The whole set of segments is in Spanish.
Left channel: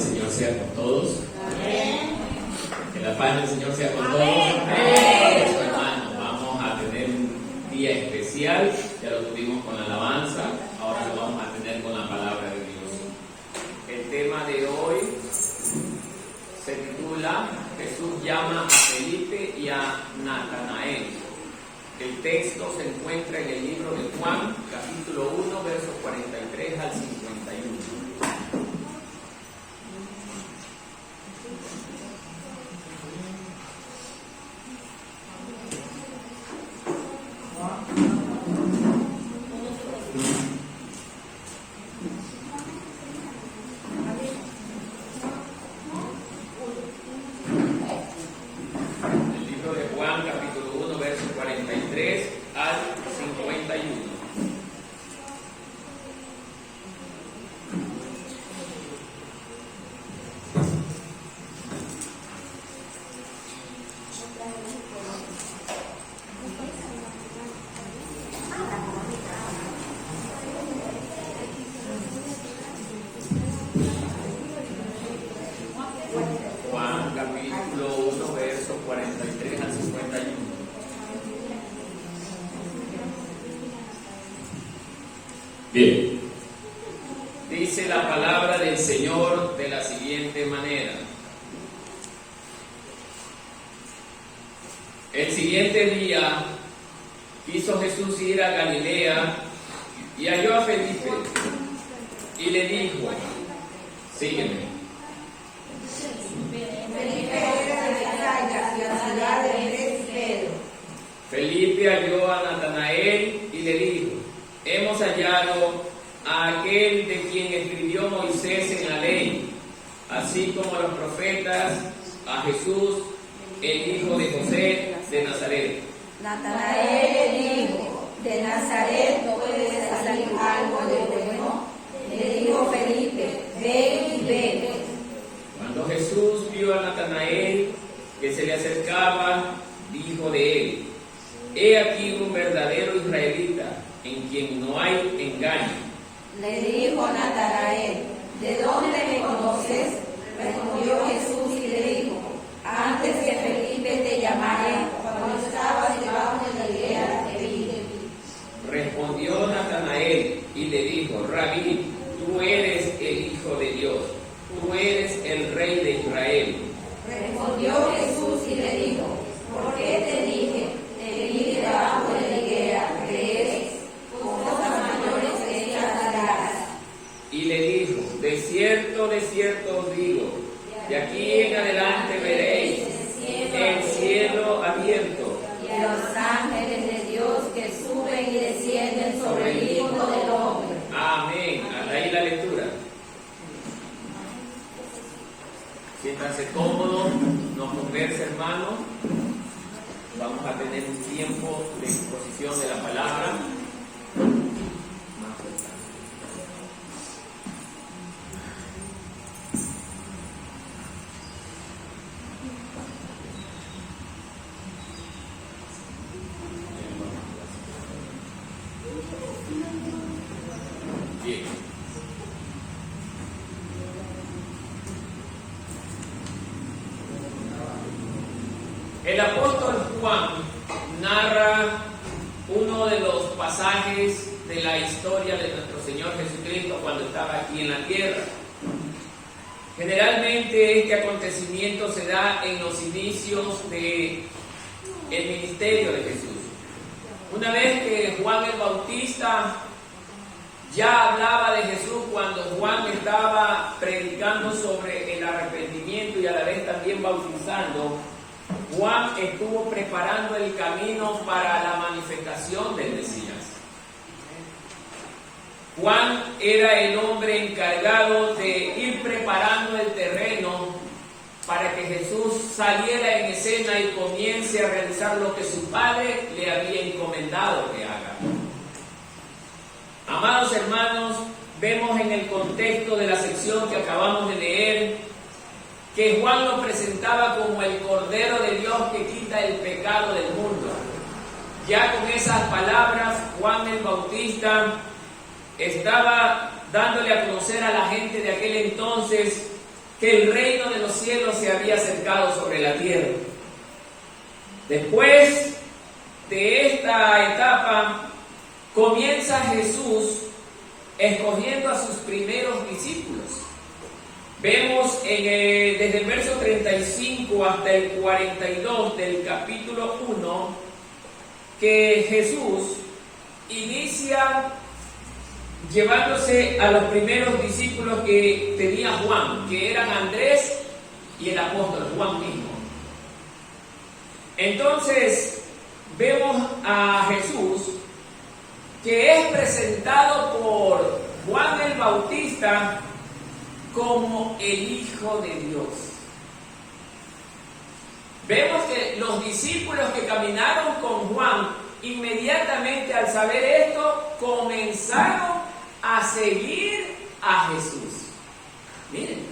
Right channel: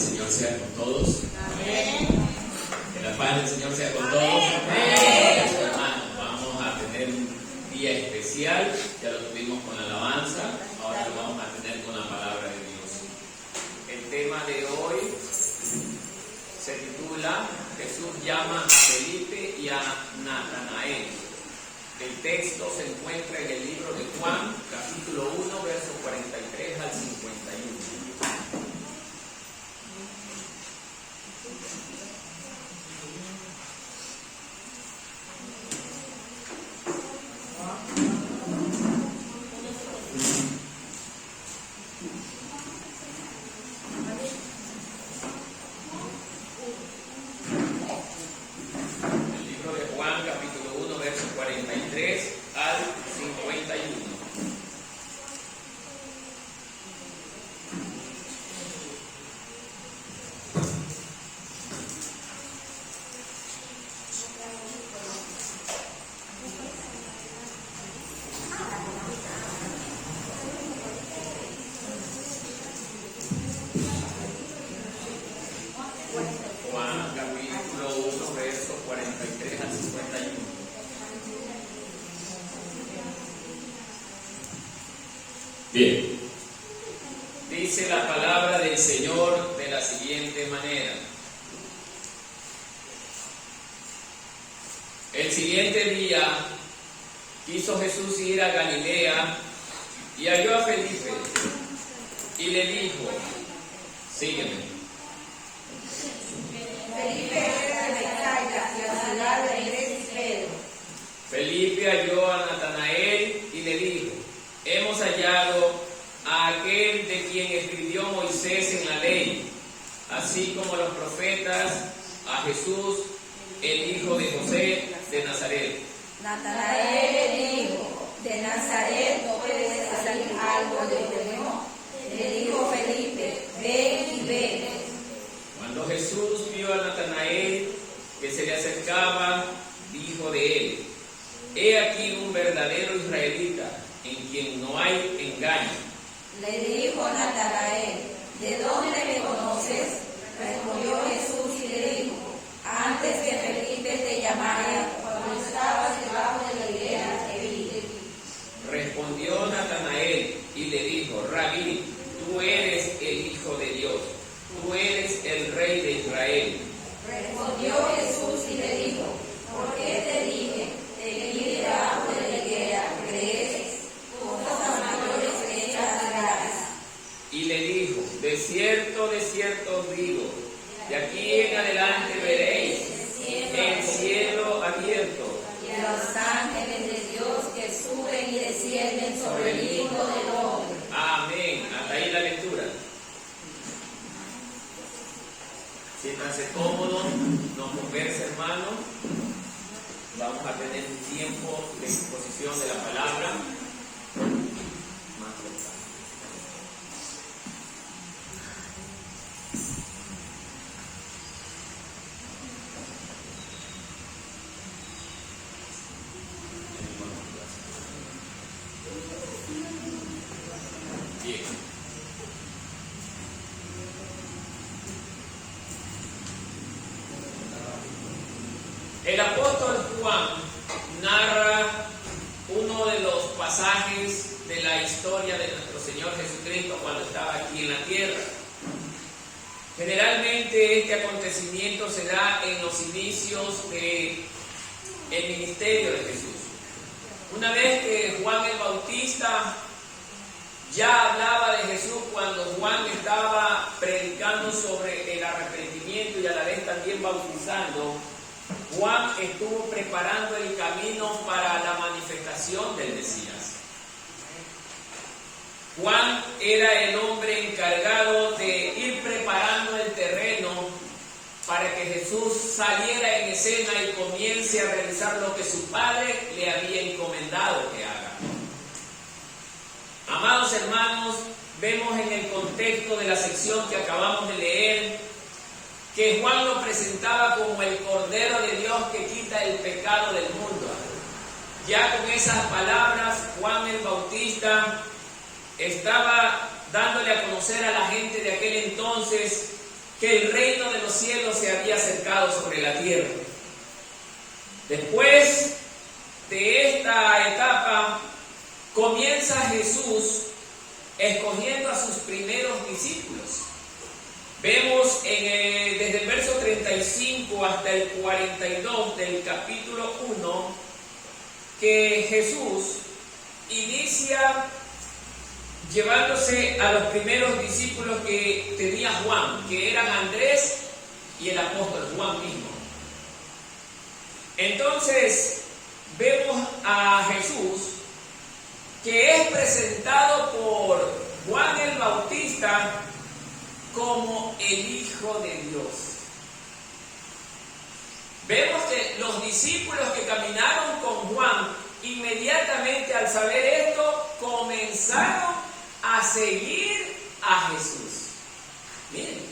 del Señor sea con todos. Amén. Que la paz del Señor sea con todos. Amén. Eso, hermanos, vamos a tener un día especial. Ya lo tuvimos con la alabanza, ahora lo vamos a tener con la palabra de Dios. El tema de hoy se titula Jesús llama a Felipe y a Natanael. El texto se encuentra en el libro de Juan, capítulo 1, versos 43 al 51. El libro de Juan, capítulo 1, versos 43 al 51. Juan capítulo 1, versos 43 al 51. Bien, dice la palabra del Señor de la siguiente manera. El siguiente día quiso Jesús ir a Galilea y halló a Felipe y le dijo, sígueme. Felipe era de Bethsaida, la ciudad de Andrés y Pedro. Felipe halló a Natanael y le dijo, hemos hallado a aquel de quien escribió Moisés en la ley, así como los profetas, a Jesús, el hijo de José de Nazaret. Natanael le dijo, de Nazaret no puede salir algo de bueno. Le dijo Felipe, ven y ve. Cuando Jesús vio a Natanael que se le acercaba, dijo de él, he aquí un verdadero israelita, en quien no hay engaño. Le dijo Natanael, ¿de dónde me conoces? Respondió Jesús y le dijo, antes que Felipe te llamara, cuando estabas debajo de la higuera, te vi. Respondió Natanael y le dijo, Rabí, tú eres el Hijo de Dios, tú eres el Rey de Israel. Respondió Jesús y le dijo, ¿por qué te dije, te vi debajo de la higuera, crees? Cosas mayores que estas harás. Y le dijo, de cierto os digo, de aquí en adelante veréis el cielo abierto Y los ángeles de Dios que suben y descienden sobre el Hijo del Hombre. Amén. Hasta ahí la lectura. Siéntanse cómodos, no converse, hermano. Vamos a tener un tiempo de exposición de la palabra. Más cerca. Bien. El apóstol Juan narra uno de los pasajes de la historia de nuestro Señor Jesucristo cuando estaba aquí en la tierra. Generalmente este acontecimiento se da en los inicios del ministerio de Jesús. Una vez que Juan el Bautista ya hablaba de Jesús cuando Juan estaba predicando sobre el arrepentimiento y a la vez también bautizando, Juan estuvo preparando el camino para la manifestación del Mesías. Juan era el hombre encargado de ir preparando el terreno para que Jesús saliera en escena y comience a realizar lo que su Padre le había encomendado que haga. Amados hermanos, vemos en el contexto de la sección que acabamos de leer que Juan lo presentaba como el Cordero de Dios que quita el pecado del mundo. Ya con esas palabras, Juan el Bautista estaba dándole a conocer a la gente de aquel entonces que el reino de los cielos se había acercado sobre la tierra. Después de esta etapa, comienza Jesús escogiendo a sus primeros discípulos. Vemos desde el verso 35 hasta el 42 del capítulo 1 que Jesús inicia llevándose a los primeros discípulos que tenía Juan, que eran Andrés y el apóstol Juan mismo. Entonces vemos a Jesús que es presentado por Juan el Bautista como el Hijo de Dios. Vemos que los discípulos que caminaron con Juan, inmediatamente al saber esto, comenzaron a seguir a Jesús. Miren,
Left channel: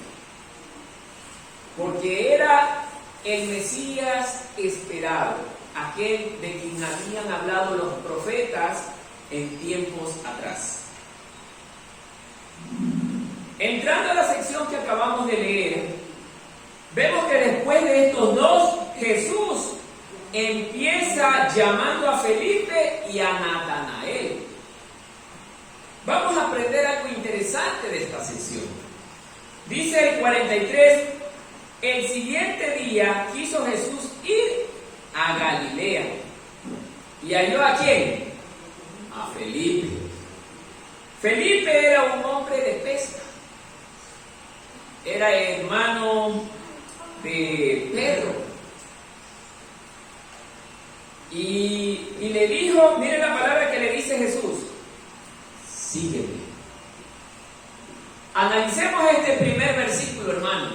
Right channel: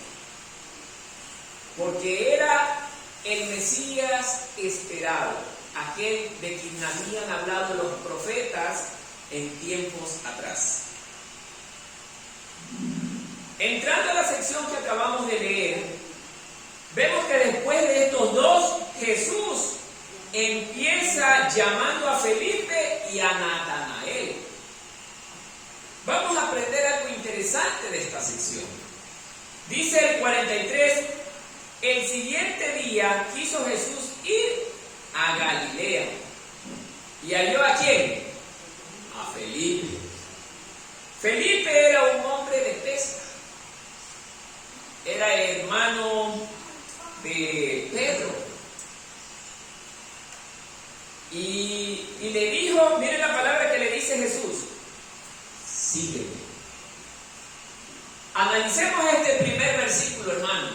porque era el Mesías esperado, aquel de quien habían hablado los profetas en tiempos atrás. Entrando a la sección que acabamos de leer, vemos que después de estos dos, Jesús empieza llamando a Felipe y a Natanael. Vamos a aprender algo interesante de esta sección. Dice el 43, el siguiente día quiso Jesús ir a Galilea. ¿Y halló a quién? A Felipe. Felipe era un hombre de pesca. Era hermano de Pedro. Y le dijo, miren la palabra que le dice Jesús: sígueme. Analicemos este primer versículo, hermano.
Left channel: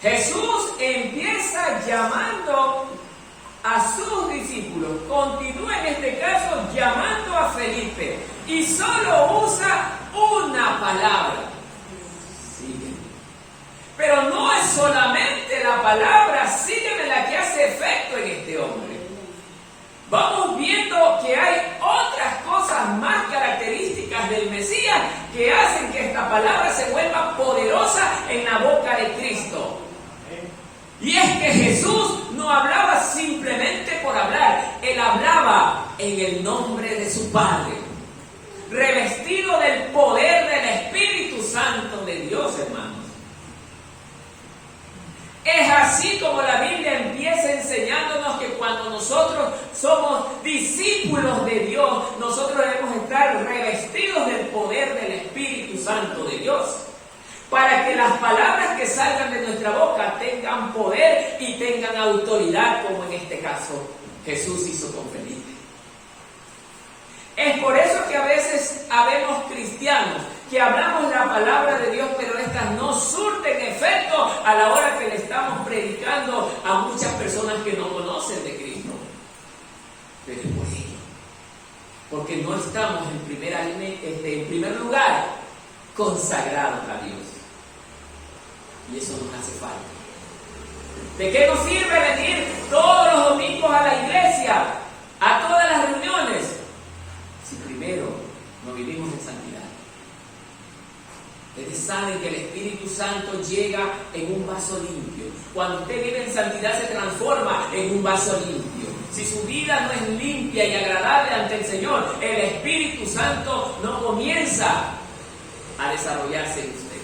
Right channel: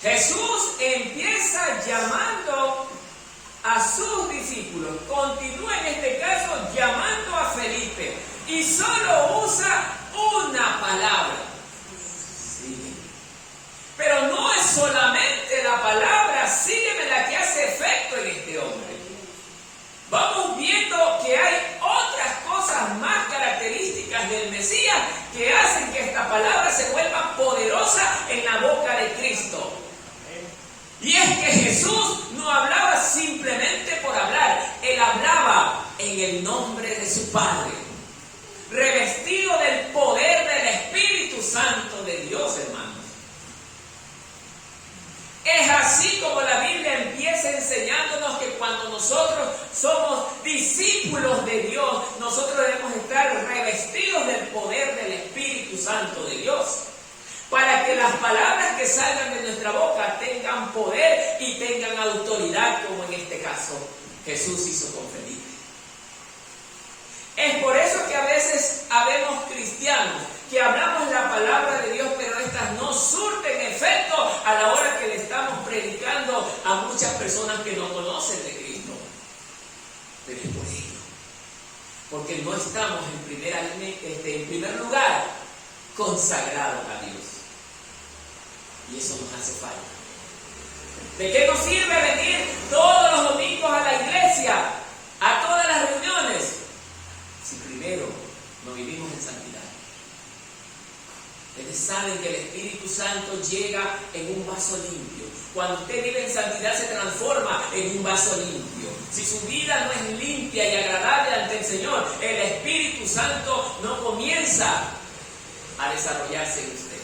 Jesús empieza llamando a sus discípulos, continúa en este caso llamando a Felipe y solo usa una palabra: sígueme. Pero no es solamente la palabra sígueme la que hace efecto en este hombre. Vamos viendo que hay otras cosas más características del Mesías que hacen que esta palabra se vuelva poderosa en la boca de Cristo. Y es que Jesús no hablaba simplemente por hablar, Él hablaba en el nombre de su Padre, revestido del poder del Espíritu Santo de Dios, hermanos. Es así como la Biblia empieza enseñándonos que cuando nosotros somos discípulos de Dios, nosotros debemos estar revestidos del poder del Espíritu Santo de Dios, para que las palabras que salgan de nuestra boca tengan poder y tengan autoridad, como en este caso Jesús hizo con Felipe. Es por eso que a veces habemos cristianos que hablamos la palabra de Dios, pero estas no surten efecto a la hora que le estamos predicando a muchas personas que no conocen de Cristo. Pero es por ello, porque no estamos en primer lugar consagrados a Dios. Y eso nos hace falta. ¿De qué nos sirve venir todos los domingos a la iglesia, a todas las reuniones, si primero no vivimos en santidad? Ustedes saben que el Espíritu Santo llega en un vaso limpio. Cuando usted vive en santidad se transforma en un vaso limpio. Si su vida no es limpia y agradable ante el Señor, el Espíritu Santo no comienza a desarrollarse en usted.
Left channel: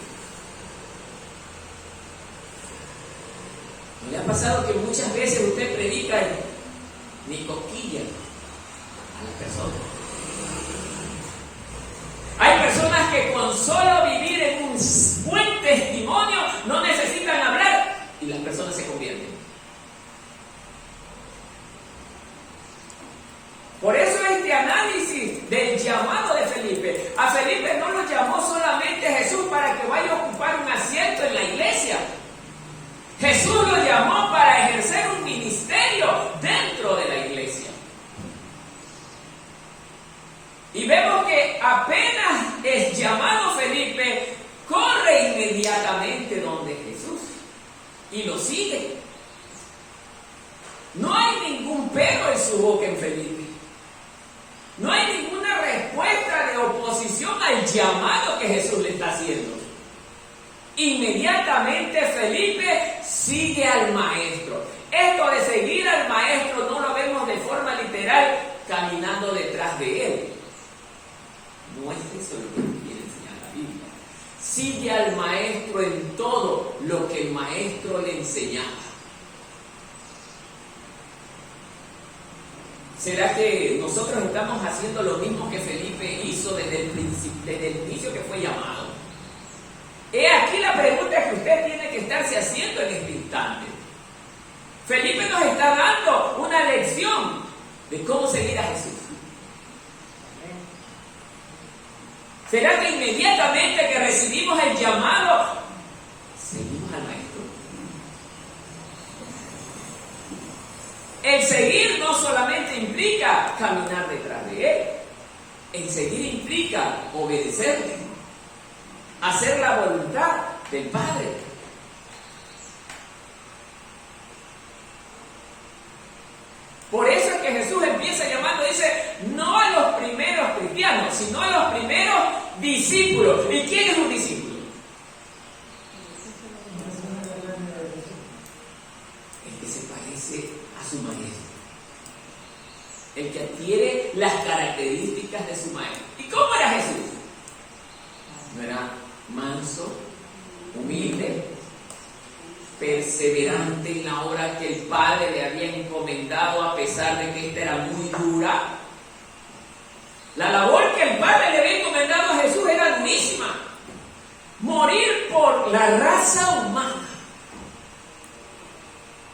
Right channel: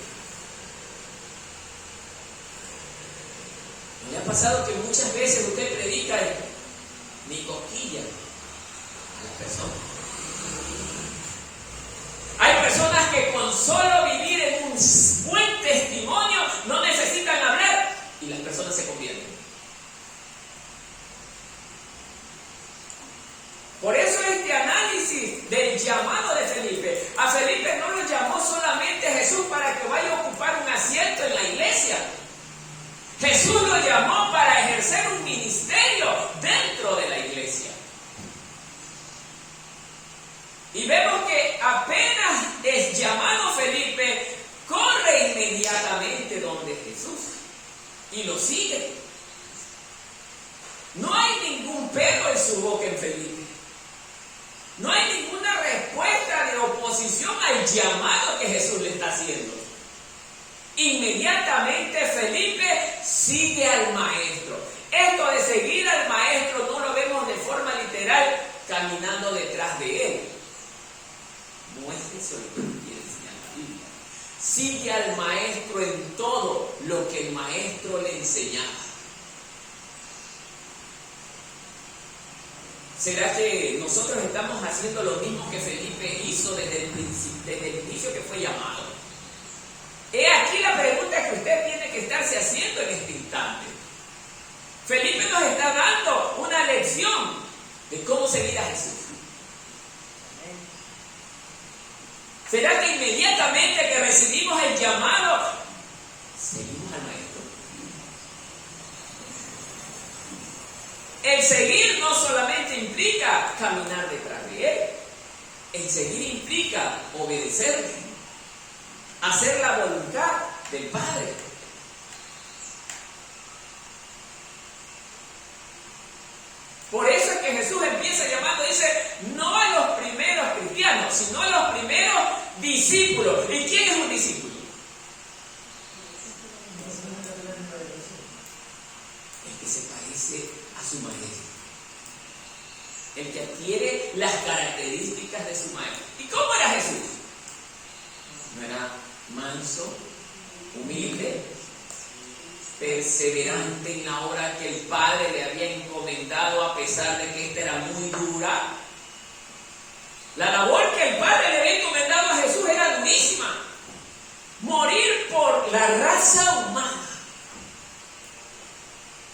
¿No le ha pasado que muchas veces usted predica ni cosquilla a las personas? Hay personas que con solo vivir en un buen testimonio no necesitan hablar y las personas se convierten. Por eso este análisis del llamado de Felipe. A Felipe no lo llamó solamente Jesús para que vaya a ocupar un asiento en la iglesia. Jesús lo llamó para ejercer un ministerio dentro de la iglesia. Y vemos que apenas es llamado Felipe, corre inmediatamente donde Jesús y lo sigue. No hay ningún pero en su boca en Felipe. No hay ninguna respuesta de oposición al llamado que Jesús le está haciendo. Inmediatamente Felipe sigue al maestro. Esto de seguir al maestro no lo vemos de forma literal caminando detrás de él. No es eso lo que nos quiere enseñar la Biblia. Sigue al maestro en todo lo que el maestro le enseñaba. ¿Será que nosotros estamos haciendo lo mismo que Felipe hizo desde el inicio que fue llamado? He aquí la pregunta que usted tiene que estarse haciendo en este instante. Felipe nos está dando una lección de cómo seguir a Jesús. ¿Será que inmediatamente que recibimos el llamado, seguimos al maestro? El seguir no solamente implica caminar detrás de él. El seguir implica obedecerle, hacer la voluntad del Padre. Por eso es que Jesús empieza llamando, dice, no a los primeros cristianos, sino a los primeros discípulos. ¿Y quién es un discípulo? El que se parece a su maestro. El que adquiere las características de su maestro. ¿Y cómo era Jesús? No era manso, humilde, perseverante en la obra que el Padre le había encomendado, a pesar de que esta era muy dura. La labor que el Padre le había encomendado a Jesús era durísima. Morir por la raza humana.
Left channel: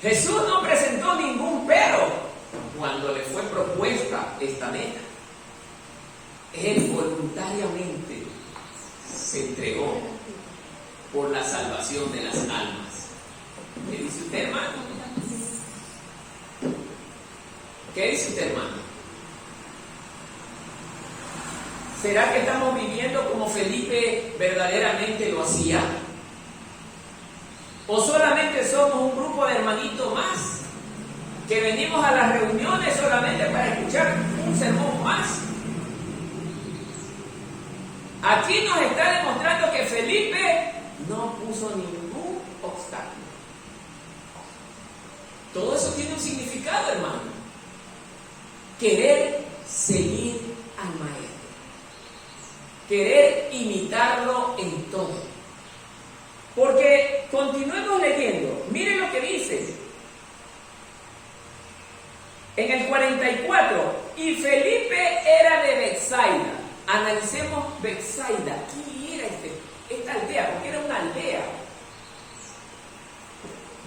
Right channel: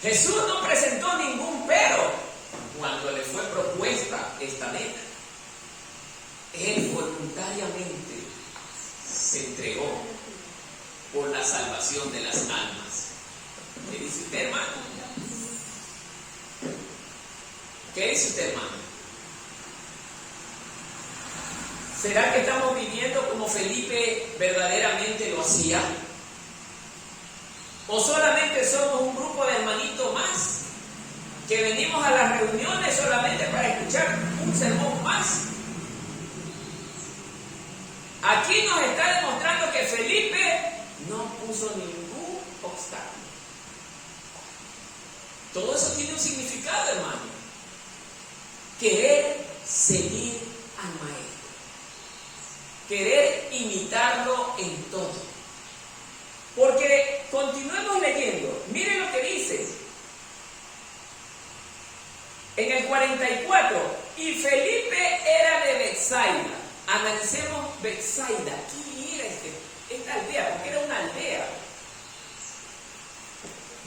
Jesús no presentó ningún pero cuando le fue propuesta esta meta. Él voluntariamente se entregó por la salvación de las almas. ¿Qué dice usted, hermano? ¿Qué dice usted, hermano? ¿Será que estamos viviendo como Felipe verdaderamente lo hacía? ¿O solamente somos un grupo de hermanitos más que venimos a las reuniones solamente para escuchar un sermón más? Aquí nos está demostrando que Felipe no puso ningún obstáculo. Todo eso tiene un significado, hermano. Querer seguir al maestro. Querer imitarlo en todo. Porque continuemos leyendo. Miren lo que dice. En el 44. Y Felipe era de Betsaida. Analicemos Betsaida. ¿Quién era esta aldea? Porque era una aldea.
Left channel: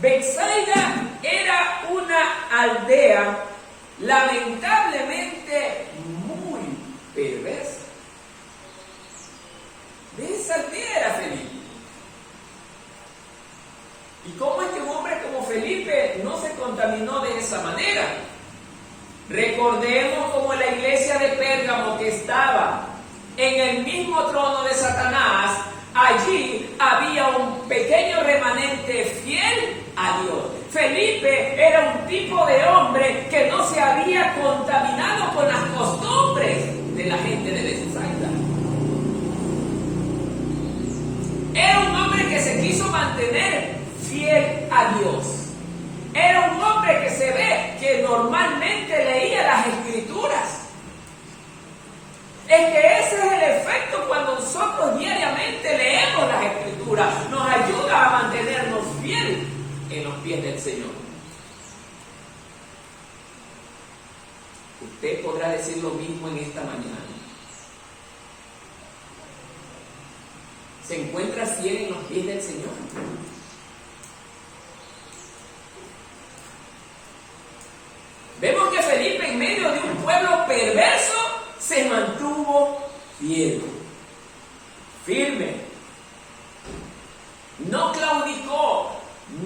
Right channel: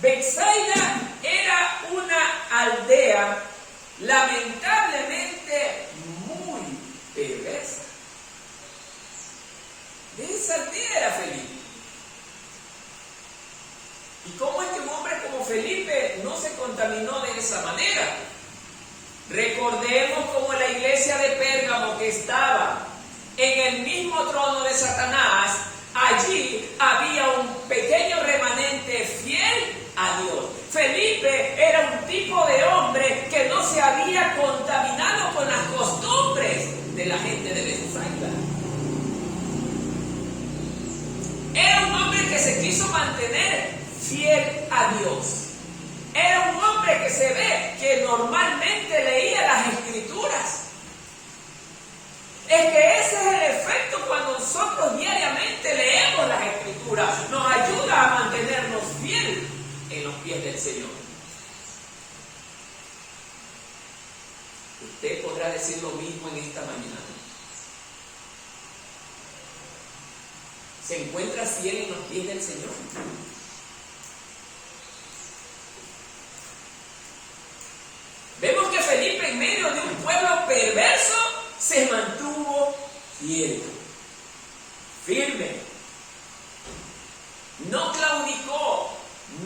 Betsaida era una aldea lamentablemente muy perversa. De esa aldea era Felipe. ¿Y cómo es que un hombre como Felipe no se contaminó de esa manera? Recordemos como la iglesia de Pérgamo, que estaba en el mismo trono de Satanás, allí había un pequeño remanente fiel a Dios. Felipe era un tipo de hombre que no se había contaminado con las costumbres de la gente de Betsaida. Era un hombre que se quiso mantener fiel a Dios. Era un hombre que se ve que normalmente leía las Escrituras. Es que ese es el efecto cuando nosotros diariamente leemos las Escrituras. Nos ayuda a mantenernos fieles en los pies del Señor. Usted podrá decir lo mismo en esta mañana. ¿Se encuentra fiel en los pies del Señor? Vemos que Felipe, en medio de un pueblo perverso, se mantuvo fiel, firme. No claudicó,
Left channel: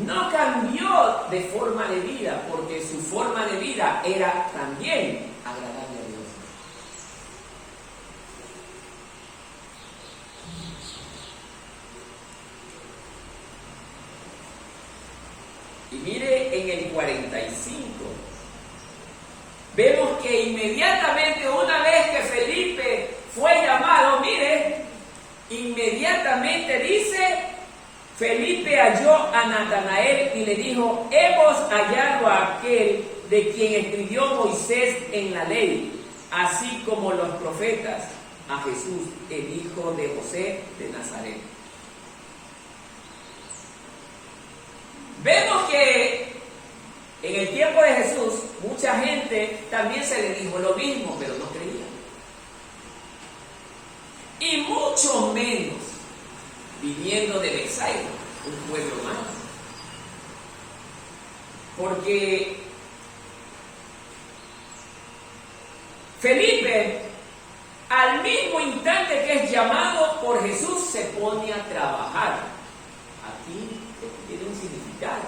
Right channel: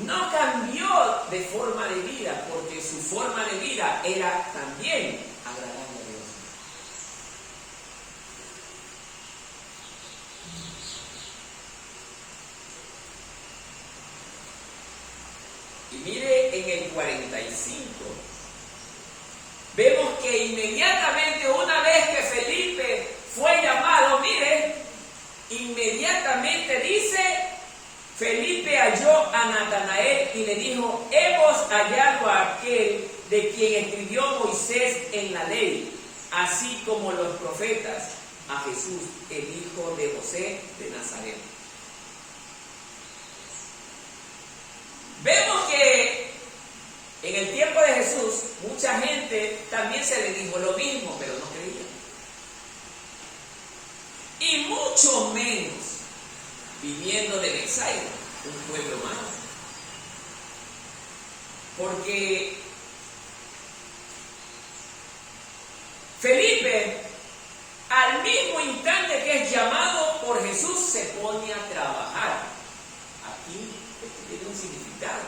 no cambió de forma de vida, porque su forma de vida era también agradable a Dios. Y mire en el 45. Vemos que inmediatamente, una vez que Felipe fue llamado, mire, inmediatamente dice Felipe halló a Natanael y le dijo: hemos hallado a aquel de quien escribió Moisés en la ley, así como los profetas, a Jesús, el hijo de José de Nazaret. Vemos que en el tiempo de Jesús, mucha gente también se le dijo lo mismo, pero no creía. Y mucho menos viniendo de Betsaida, un pueblo más. Porque Felipe, al mismo instante que es llamado por Jesús, se pone a trabajar. Aquí esto tiene un significado.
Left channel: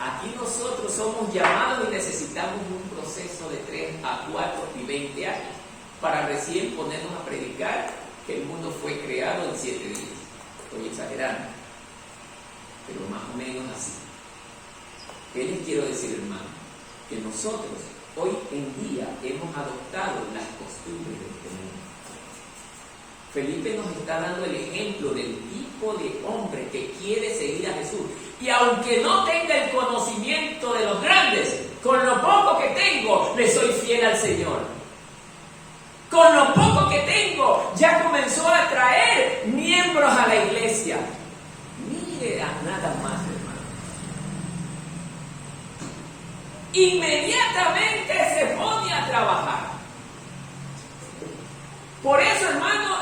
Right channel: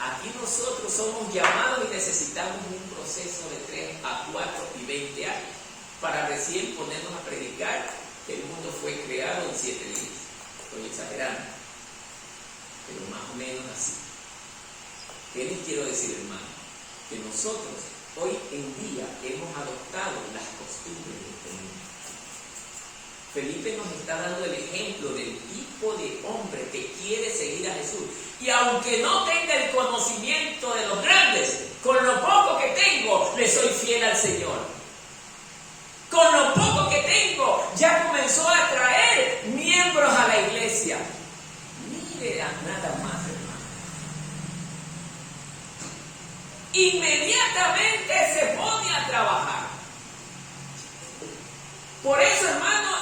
Aquí nosotros somos llamados y necesitamos un proceso de 3 a 4 y 20 años para recién ponernos a predicar que el mundo fue creado en 7 días. Estoy exagerando, pero más o menos así. ¿Qué les quiero decir, hermano? Que nosotros hoy en día hemos adoptado las costumbres de este mundo. Felipe nos está dando el ejemplo del tipo de hombre que quiere seguir a Jesús. Y aunque no tenga el conocimiento de los grandes, con lo poco que tengo, le soy fiel al Señor. Con lo poco que tengo, ya comenzó a traer miembros a la iglesia. Mire a nada más, hermano. Inmediatamente se pone a trabajar. Por eso, hermano,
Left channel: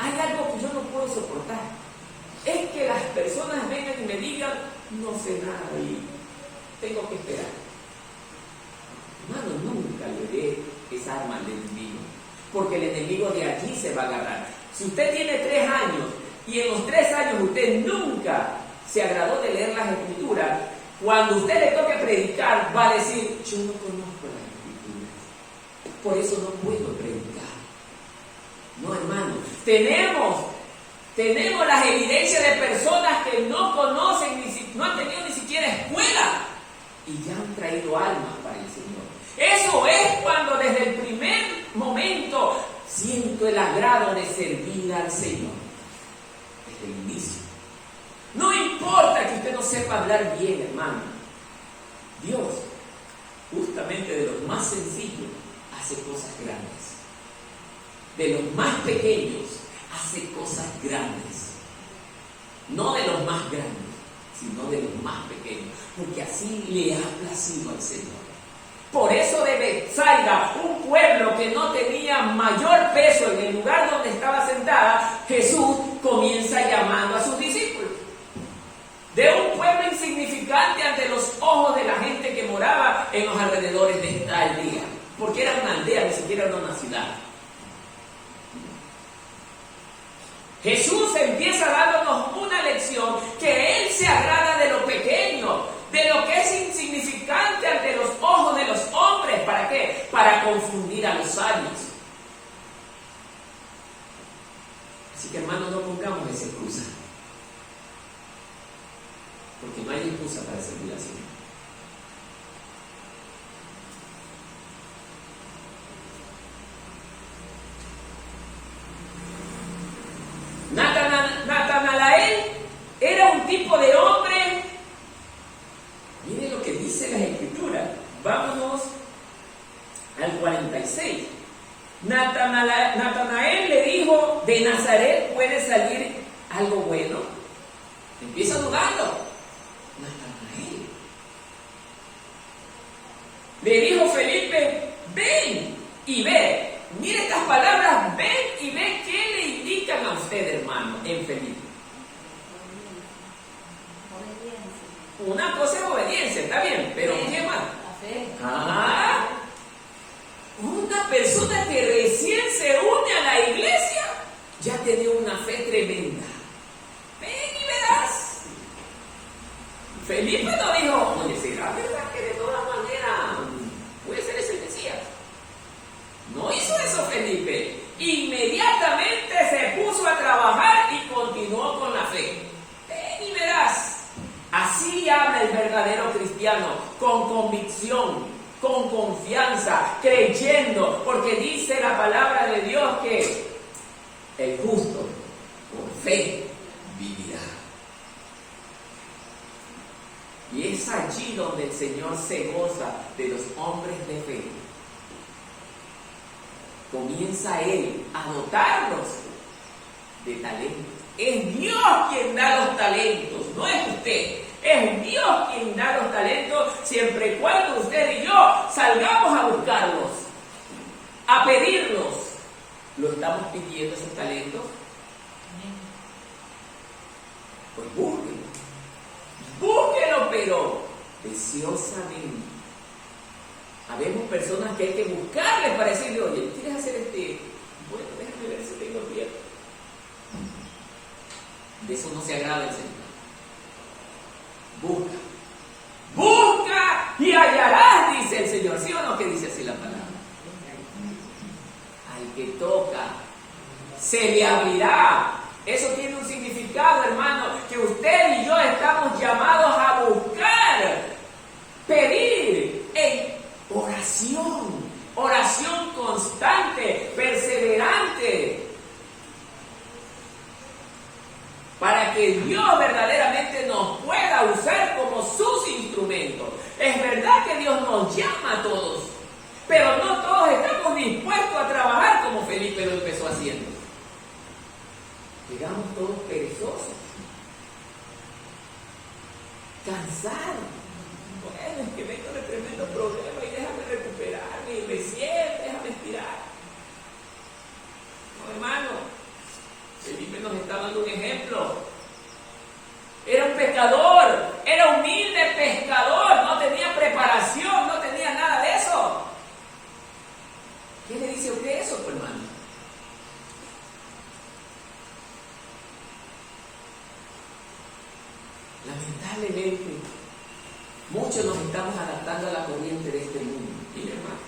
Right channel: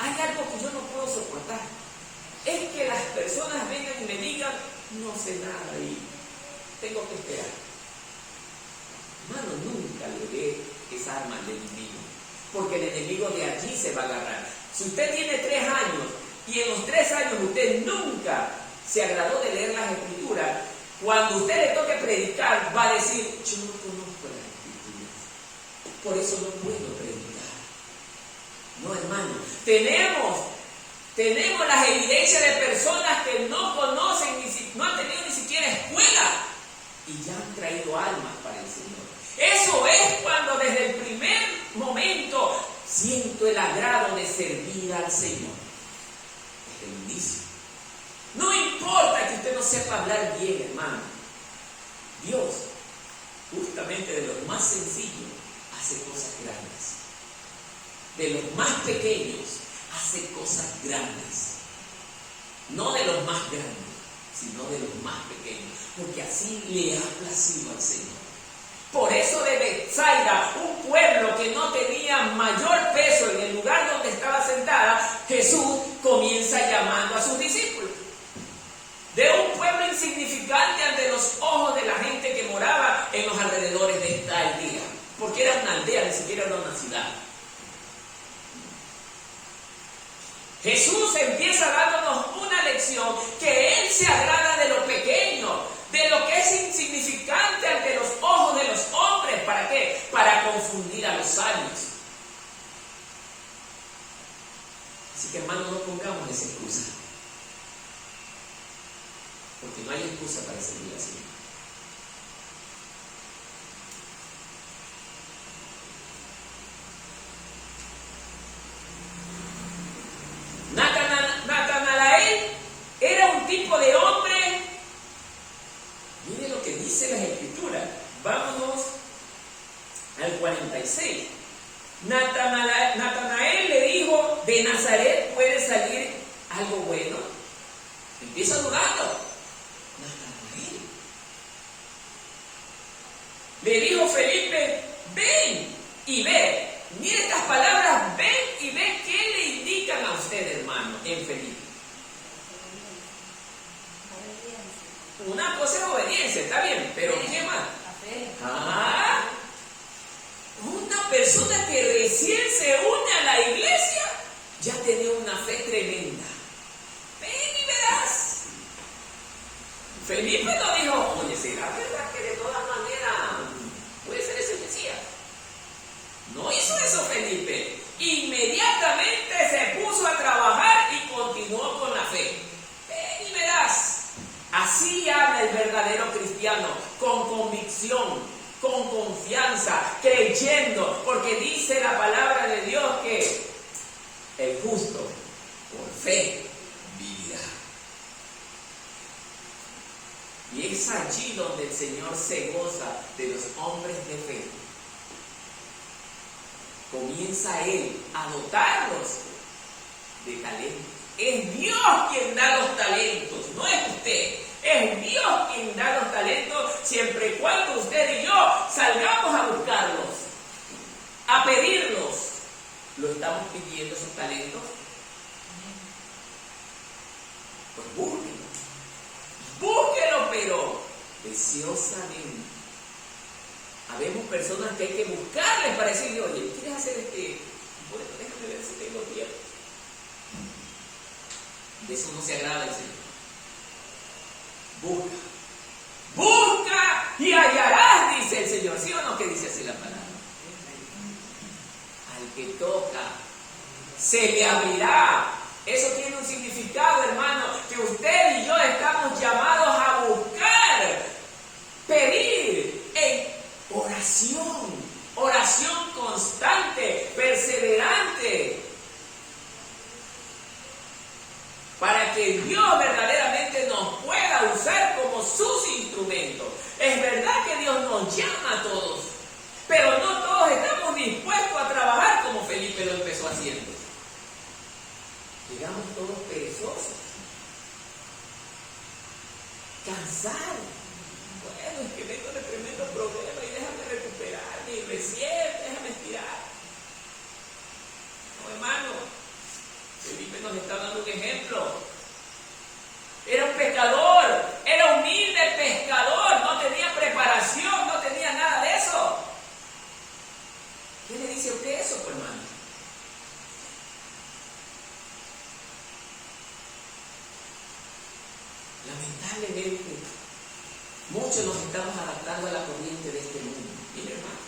hay algo que yo no puedo soportar. Es que las personas vengan y me digan: no sé nada y tengo que esperar. Hermano, nunca le dé esa arma al enemigo, porque el enemigo de allí se va a agarrar. Si usted tiene 3 años y en los 3 años usted nunca se agradó de leer las Escrituras, cuando usted le toque predicar, va a decir: yo no conozco las Escrituras, por eso no puedo predicar. No, hermano, tenemos las evidencias de personas que no conocen, no han tenido ni siquiera escuela y ya han traído almas para el Señor. Eso es cuando desde el primer momento siento el agrado de servir al Señor. Desde el inicio. No importa que usted no sepa hablar bien, hermano. Dios, justamente de los más sencillos, hace cosas grandes. De los más pequeños, hace cosas grandes. No de los más grandes, sino de los más pequeños. Porque así le ha placido al Señor. Por eso de Betsaida, un pueblo que no tenía mayor peso en el lugar donde estaba sentada, Jesús comienza llamando a sus discípulos. De un pueblo insignificante ante los ojos de la gente que moraba en los alrededores de esta aldea. Porque era una aldea, ni siquiera era una ciudad. Jesús empieza dándonos una lección que Él se agrada de lo pequeño, de lo que es insignificante ante los ojos de los hombres. ¿Para qué? Para confundir a los sabios. Así que, hermano, no pongamos esa excusa, porque no hay excusa para servir al Señor. Natanael era un tipo de hombre. Mire lo que dice las Escrituras. Vámonos al 46. Natanael le dijo: ¿de Nazaret puede salir algo bueno? Empieza dudando. Natanael. Le dijo Felipe: ven y ve. Mire estas palabras: ven y ve. ¿Qué le indican a usted, hermano, en Felipe? Una cosa es obediencia, está bien, pero ¿qué más? Una persona que recién se une a la iglesia ya tiene una fe tremenda. Ven y verás. Felipe no dijo: oye, ¿será verdad que de todas maneras puede ser ese Mesías? No hizo eso Felipe. Inmediatamente se puso a trabajar y continuó con la fe. Ven y verás. Así habla el verdadero cristiano, con convicción, con confianza, creyendo, porque dice la palabra de Dios que el justo por fe vivirá. Y es allí donde el Señor se goza de los hombres de fe. Comienza Él a dotarlos de talentos. Es Dios quien da los talentos, no es usted. Es Dios quien da los talentos, siempre y cuando usted y yo salgamos a buscarlos, a pedirlos. ¿Lo estamos pidiendo esos talentos? Pues búsquenlo. Búsquenlo, pero deseosamente. Habemos personas que hay que buscarles para decirle, oye, ¿quieres hacer Bueno, déjame ver si tengo tiempo. De eso no se agrada el Señor. Busca. Busca y hallarás, dice el Señor. ¿Sí o no que dice así la palabra? Al que toca, se le abrirá. Eso tiene un significado, hermano, que usted y yo estamos llamados a buscar, pedir en oración constante, perseverante, para que Dios verdaderamente nos pueda usar como sus instrumentos. Es verdad que Dios nos llama a todos, pero no todos estamos dispuestos a trabajar como Felipe lo empezó haciendo. Llegamos todos perezosos, cansados. Bueno, es que vengo de tremendo problema y déjame recuperarme y recién déjame estirar. No, hermano, Felipe nos está dando un ejemplo. Era un pescador, era humilde pescador, no tenía preparación, no tenía nada de eso. ¿Qué le dice a usted eso, pues, hermano? Lamentablemente, muchos nos estamos adaptando a la corriente de este mundo. Mire, hermano,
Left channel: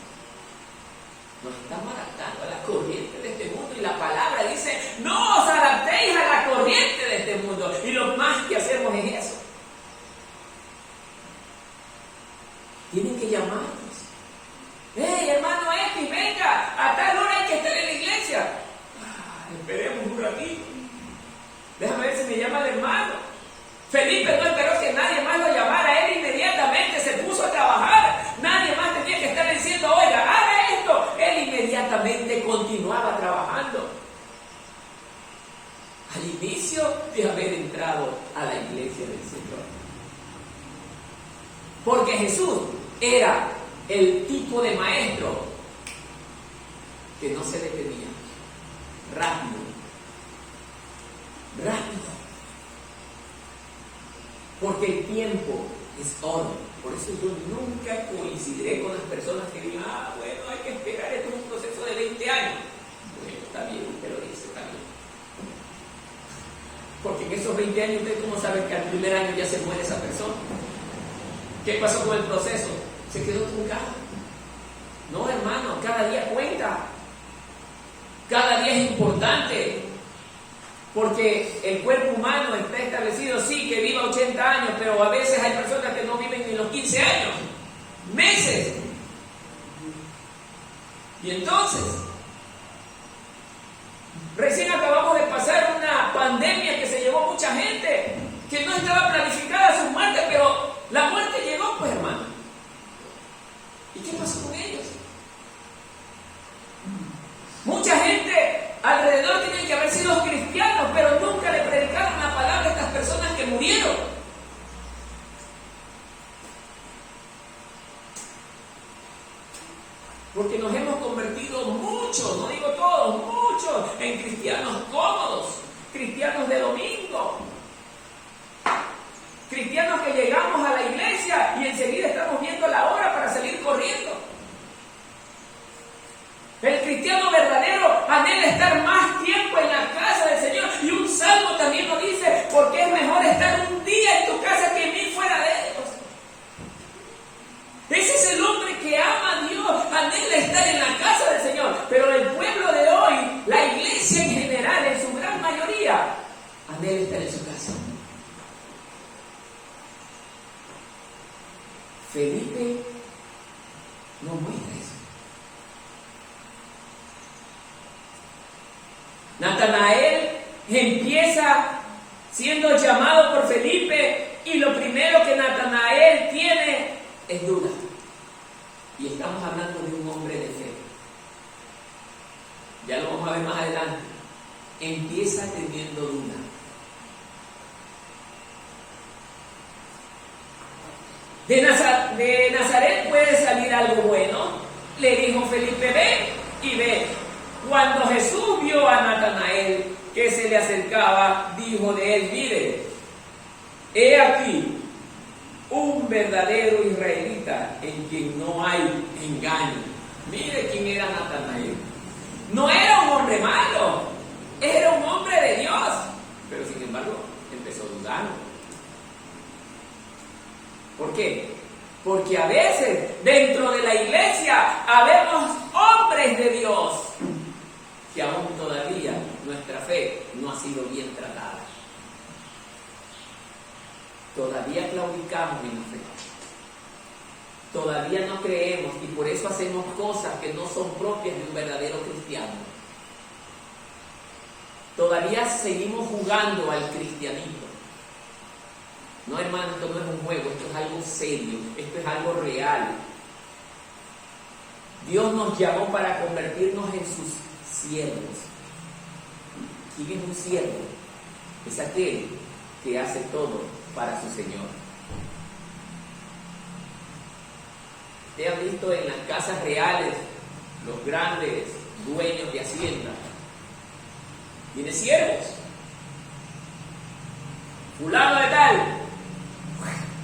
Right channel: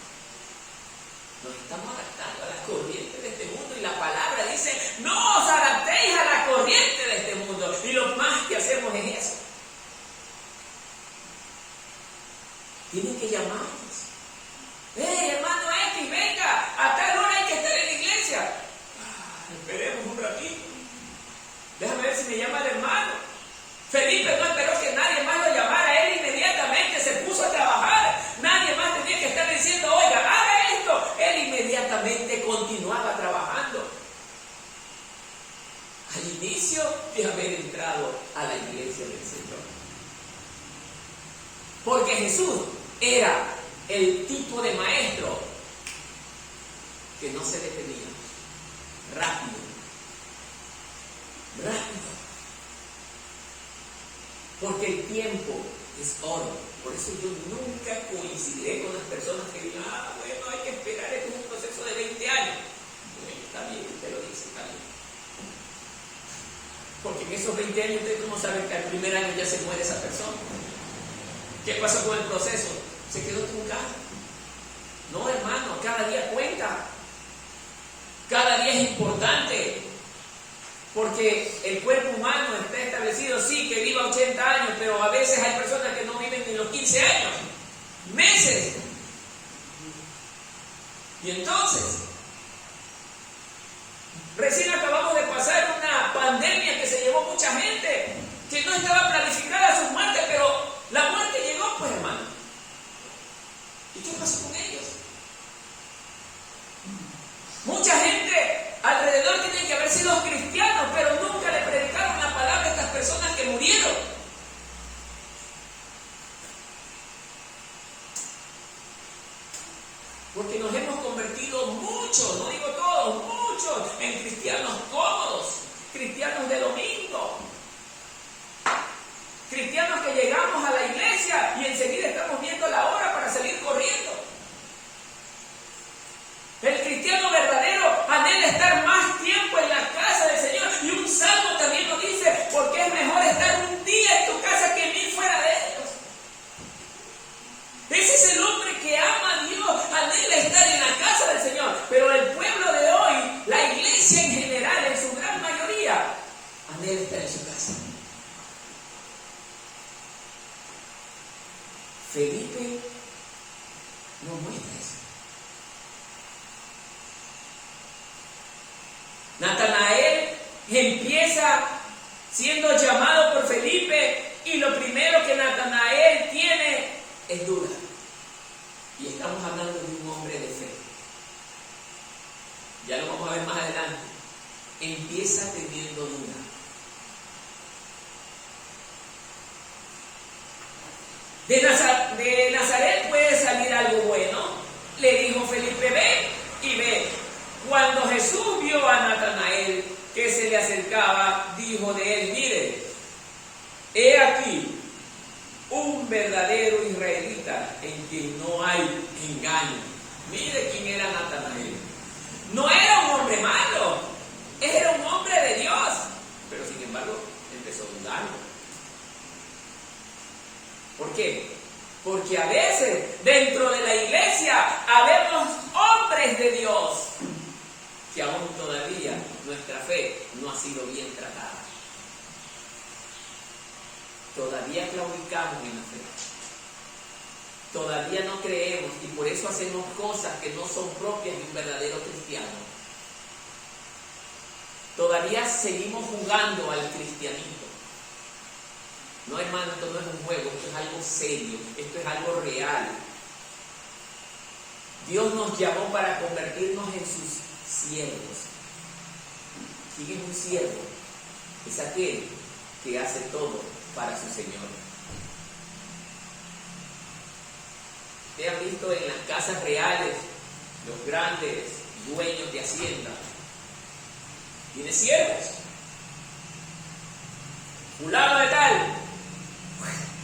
nos estamos adaptando a la corriente de este mundo y la palabra dice, no os adaptéis a la corriente de este mundo. Y lo más que hacemos es eso. Tienen que llamarnos. ¡Hey, hermano X, venga! A tal hora hay que estar en la iglesia. Esperemos un ratito. Déjame ver si me llama el hermano. Felipe no esperó que nadie más lo llamara, él inmediatamente se puso a trabajar. Nadie más tenía que estar diciendo, oiga, haga esto. Él inmediatamente continuaba trabajando. Al inicio de haber entrado a la iglesia del Señor. Porque Jesús era el tipo de maestro que no se detenía. Rápido. Porque el tiempo es oro. Por eso yo nunca coincidiré con las personas que digan, bueno, hay que esperar, esto es un proceso de 20 años. Bueno, está bien, usted lo dice, está bien. Porque en esos 20 años, ¿usted cómo sabe que al primer año ya se muere esa persona? ¿Qué pasó con el proceso? Se quedó truncado. No, hermano, cada día cuenta. Cada día es importante. Porque el cuerpo humano está establecido, sí, que viva 80 años, pero a veces hay personas que no viven ni los 15 años, meses. Y entonces, recién acabamos de pasar una pandemia que se llevó mucha gente, que no estaba planificada su muerte, pero la muerte llegó, pues, hermano. ¿Y qué pasó con ellos? Mucha gente alrededor tienen que haber sido cristianos, pero nunca le predicaron la palabra a estas personas que murieron. Porque nos hemos convertido muchos, no digo todos, muchos, en cristianos cómodos, cristianos de domingo. Cristianos que llegamos a la iglesia y enseguida estamos viendo la hora para salir corriendo. El cristiano verdadero anhela estar más tiempo en la casa del Señor. Y un salmo también nos dice, porque es mejor estar un día en tu casa que 1000 fuera de ellos. Ese es el hombre que ama a Dios, anhela estar en la casa del Señor. Pero el pueblo de hoy, la iglesia en general, en su gran mayoría, anhela estar en su casa. Felipe no muestra eso. Natanael empieza siendo llamado por Felipe y lo primero que Natanael es duda. Y estamos hablando de un hombre de fe. Ya lo vamos a ver más adelante. Empieza teniendo duda. De Nazaret puede salir algo bueno, le dijo Felipe, ven y ve. Cuando Jesús vio a Natanael que se le acercaba, dijo de él, mire, he aquí un verdadero israelita en quien no hay engaño. Mire quién era Natanael. No era un hombre malo, era un hombre de Dios, pero sin embargo empezó dudando. ¿Por qué? Porque a veces dentro de la iglesia habemos hombres de Dios que aún todavía nuestra fe no ha sido bien tratada. Todavía claudicamos en la fe. Todavía no creemos y por eso hacemos cosas que no son propias de un verdadero cristiano. Todavía seguimos jugando al cristianismo. No, hermano, esto no es un juego, esto es algo serio, esto es algo real. Dios nos llamó para convertirnos en sus siervos. ¿Quién es un siervo? Es aquel que hace todo para su Señor. Ustedes han visto en las casas reales los grandes dueños de hacienda. Tiene siervos. Fulano de tal.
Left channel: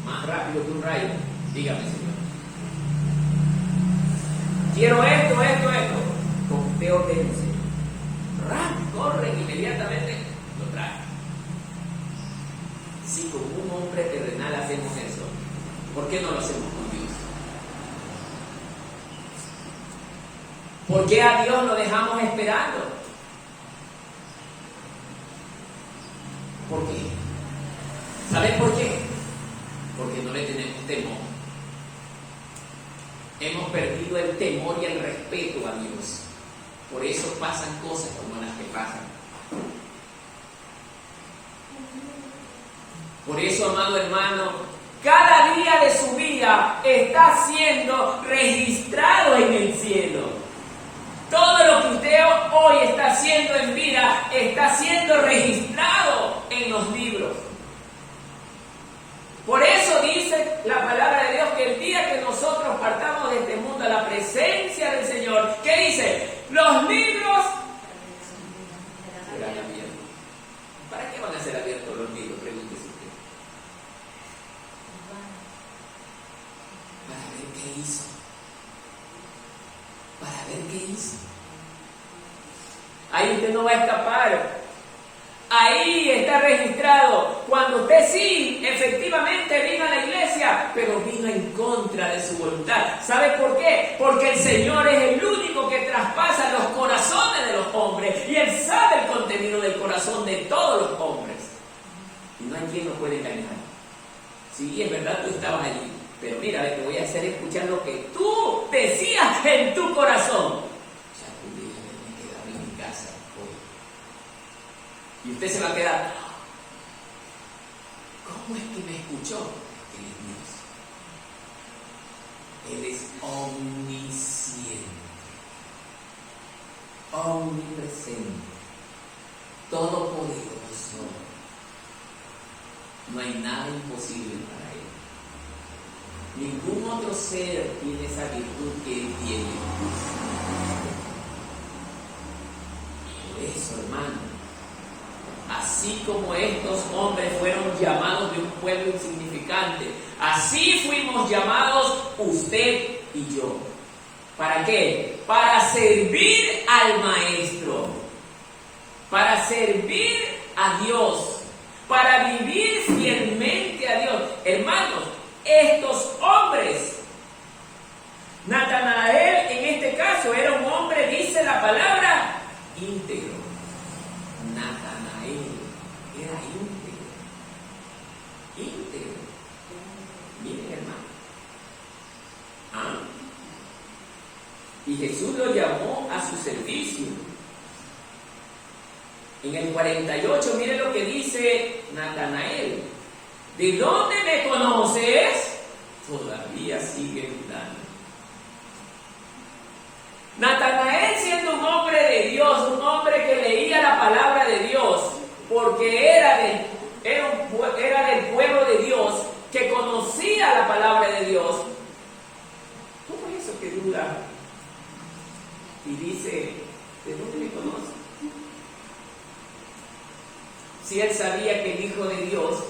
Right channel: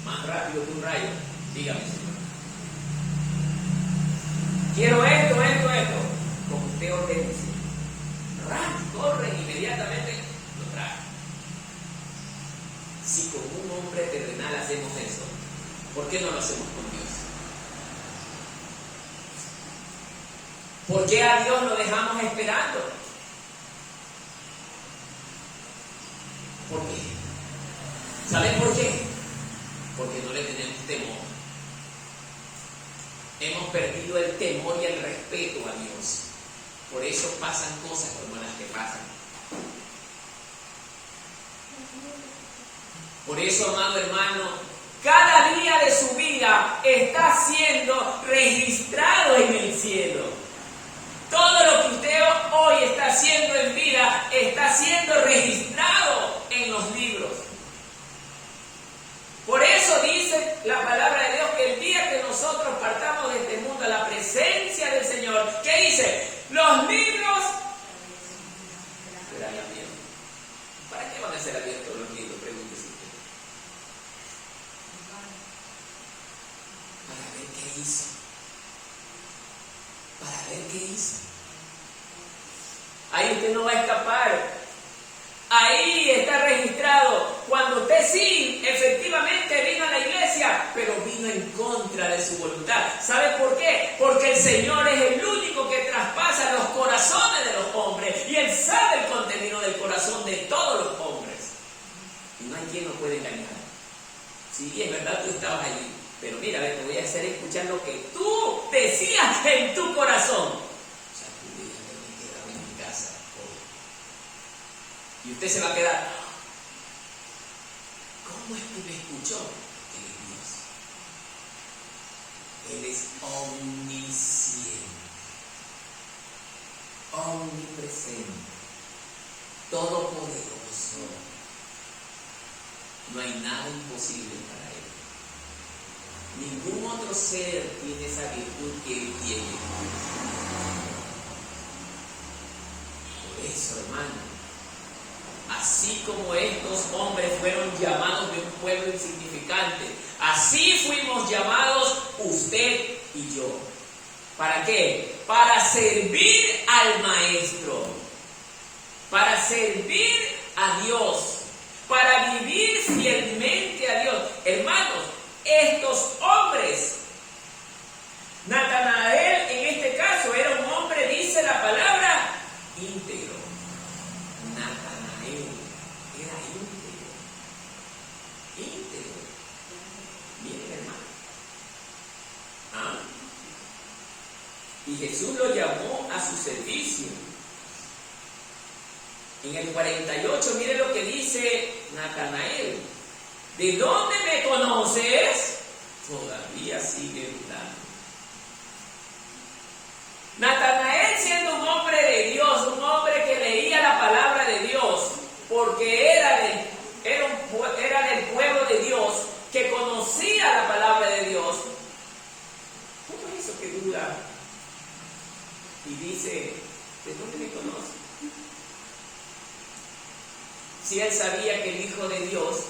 Más rápido que un rayo. Dígame, Señor. Quiero esto. Como usted ordene. Corren inmediatamente, lo traen. Si con un hombre terrenal hacemos eso, ¿por qué no lo hacemos con Dios? ¿Por qué a Dios lo dejamos esperando? ¿Por qué? ¿Saben por qué? Porque no le tenemos temor. Hemos perdido el temor y el respeto a Dios. Por eso pasan cosas como las que pasan. Por eso, amado hermano, cada día de su vida está siendo registrado en el cielo. Todo lo que usted hoy está haciendo en vida está siendo registrado en los libros. Por eso dice la palabra de Dios que el día que nosotros partamos de este mundo a la presencia del Señor, ¿qué dice? Los libros serán abiertos. ¿Para qué van a ser abiertos los libros? Pregúntese usted. Para ver qué hizo. Para ver qué hizo. Ahí usted no va a escapar. Ahí está registrado cuando usted sí, efectivamente vino a la iglesia, pero vino en contra de su voluntad. ¿Sabe por qué? Porque el Señor es el único que traspasa los corazones de los hombres y Él sabe el contenido del corazón de todos los hombres. Y no hay quien nos puede engañar. Sí, es verdad, tú estabas allí, pero mira, te voy a hacer escuchar lo que tú decías en tu corazón. Y usted se va a quedar, ¿cómo es que me escuchó? Él es Dios. Él es omnisciente, omnipresente, todopoderoso. No hay nada imposible para Él. Ningún otro ser tiene esa virtud que Él tiene. Por eso, hermano, así como estos hombres fueron llamados de un pueblo insignificante, así fuimos llamados usted y yo. ¿Para qué? Para servir al Maestro, para servir a Dios, para vivir fielmente a Dios. Hermanos, estos hombres, Natanael en este caso era un hombre, dice la palabra, íntegro. Natanael era íntegro. Miren, hermano. Y Jesús lo llamó a su servicio. En el 48, miren lo que dice Natanael. ¿De dónde me conoces? todavía sigue dudando. Natanael, siendo un hombre de Dios, un hombre que leía la palabra de Dios, porque era del pueblo de Dios, que conocía la palabra de Dios, ¿cómo es eso que duda? Y dice, ¿de dónde me conoce? Si él sabía que el Hijo de Dios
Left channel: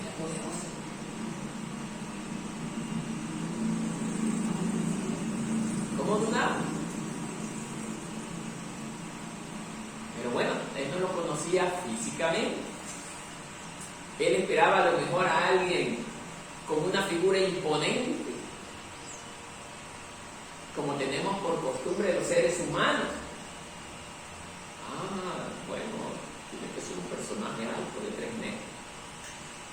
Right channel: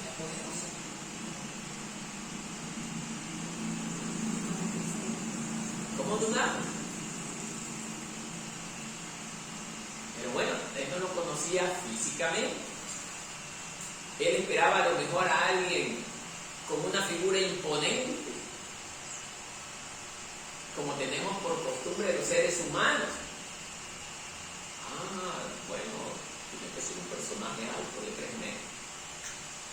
era poderoso. ¿Cómo dudamos? Pero bueno, él no lo conocía físicamente. Él esperaba a lo mejor a alguien con una figura imponente, como tenemos por costumbre los seres humanos. Bueno, tiene que ser un personaje alto de 3 metros,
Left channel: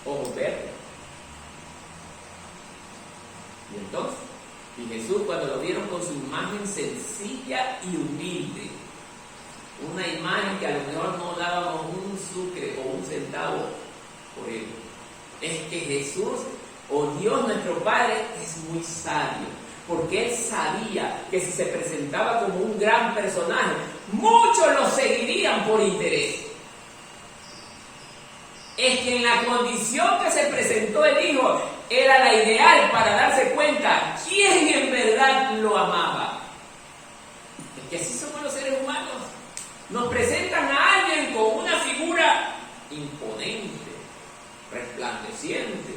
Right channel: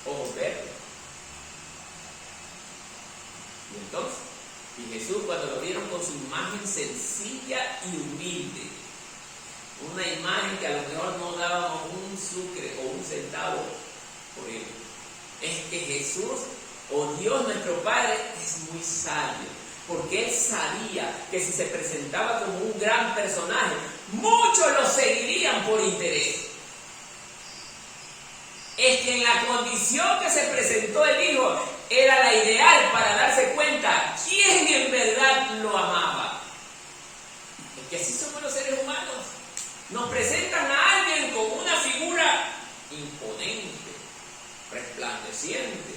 ojos verdes. Y entonces, Jesús, cuando lo vieron con su imagen sencilla y humilde, una imagen que a lo mejor no dábamos un sucre o un centavo por él, es que Jesús, o Dios nuestro Padre, es muy sabio, porque él sabía que si se presentaba como un gran personaje, muchos lo seguirían por interés. Es que en la condición que se presentó el Hijo era la ideal para darse cuenta quién en verdad lo amaba. Es que así somos los seres humanos. Nos presentan a alguien con una figura imponente, resplandeciente.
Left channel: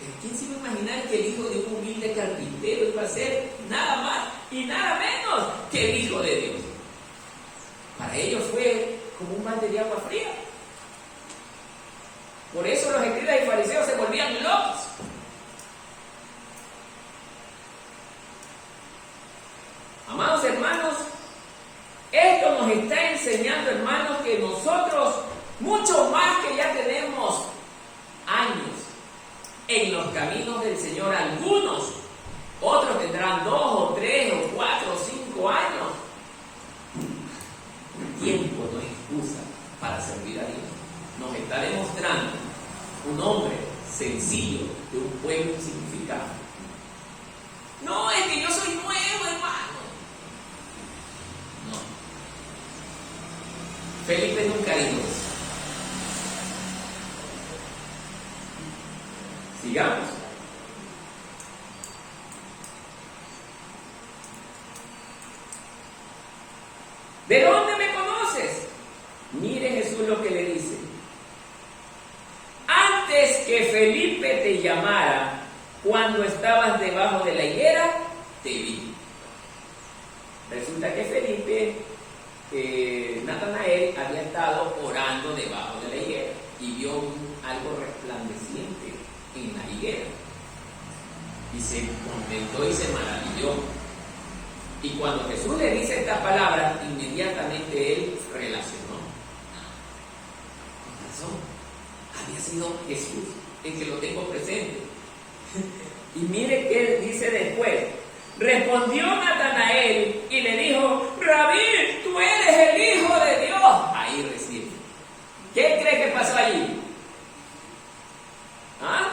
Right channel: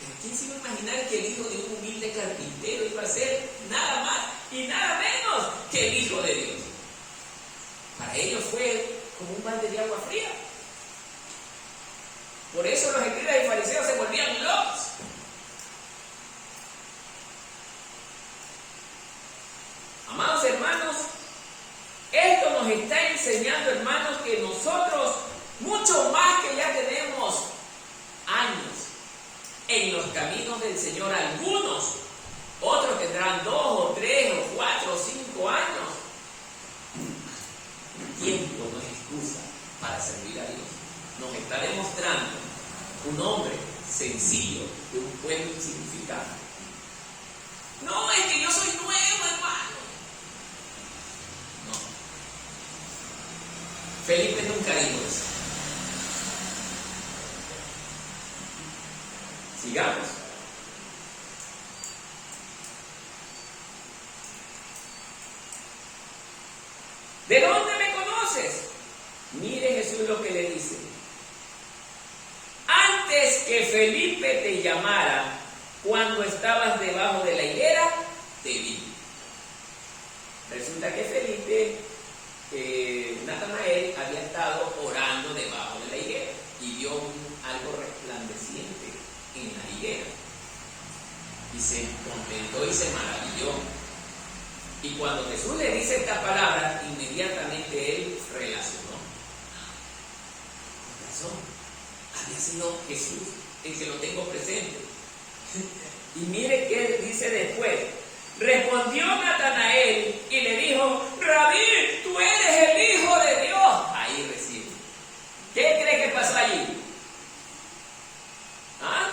Pero ¿quién se iba a imaginar que el hijo de un humilde carpintero iba a ser nada más y nada menos que el Hijo de Dios? Para ellos fue como un balde de agua fría. Por eso los escribas y fariseos se volvían locos. Amados hermanos, esto nos está enseñando, hermanos, que nosotros, mucho más que ya tenemos años en los caminos del Señor, algunos, otros tendrán 2 o 3 o 4 o 5 años. El tiempo no es excusa para servir a Dios. Nos está demostrando un hombre sencillo de un pueblo insignificante. No, es que yo soy nuevo, hermano. No. Felipe nunca dijo eso. Sigamos. ¿De dónde me conoces? Mire Jesús lo que le dice. Antes que Felipe te llamara, cuando estabas debajo de la higuera, te vi. Resulta que Felipe, Natanael, había estado orando debajo de la higuera y vio algo resplandeciente en la higuera. Y se contentó y se maravilló. Y cuando Jesús le dice esta palabra, inmediatamente él relacionó. Con razón, había sido Jesús el que lo tengo presente. Y mire qué dice después. Respondió Natanael y le dijo: Rabí, tú eres el Hijo de Dios. Ahí recién. ¿Qué cree que pasó allí? ¿Ah?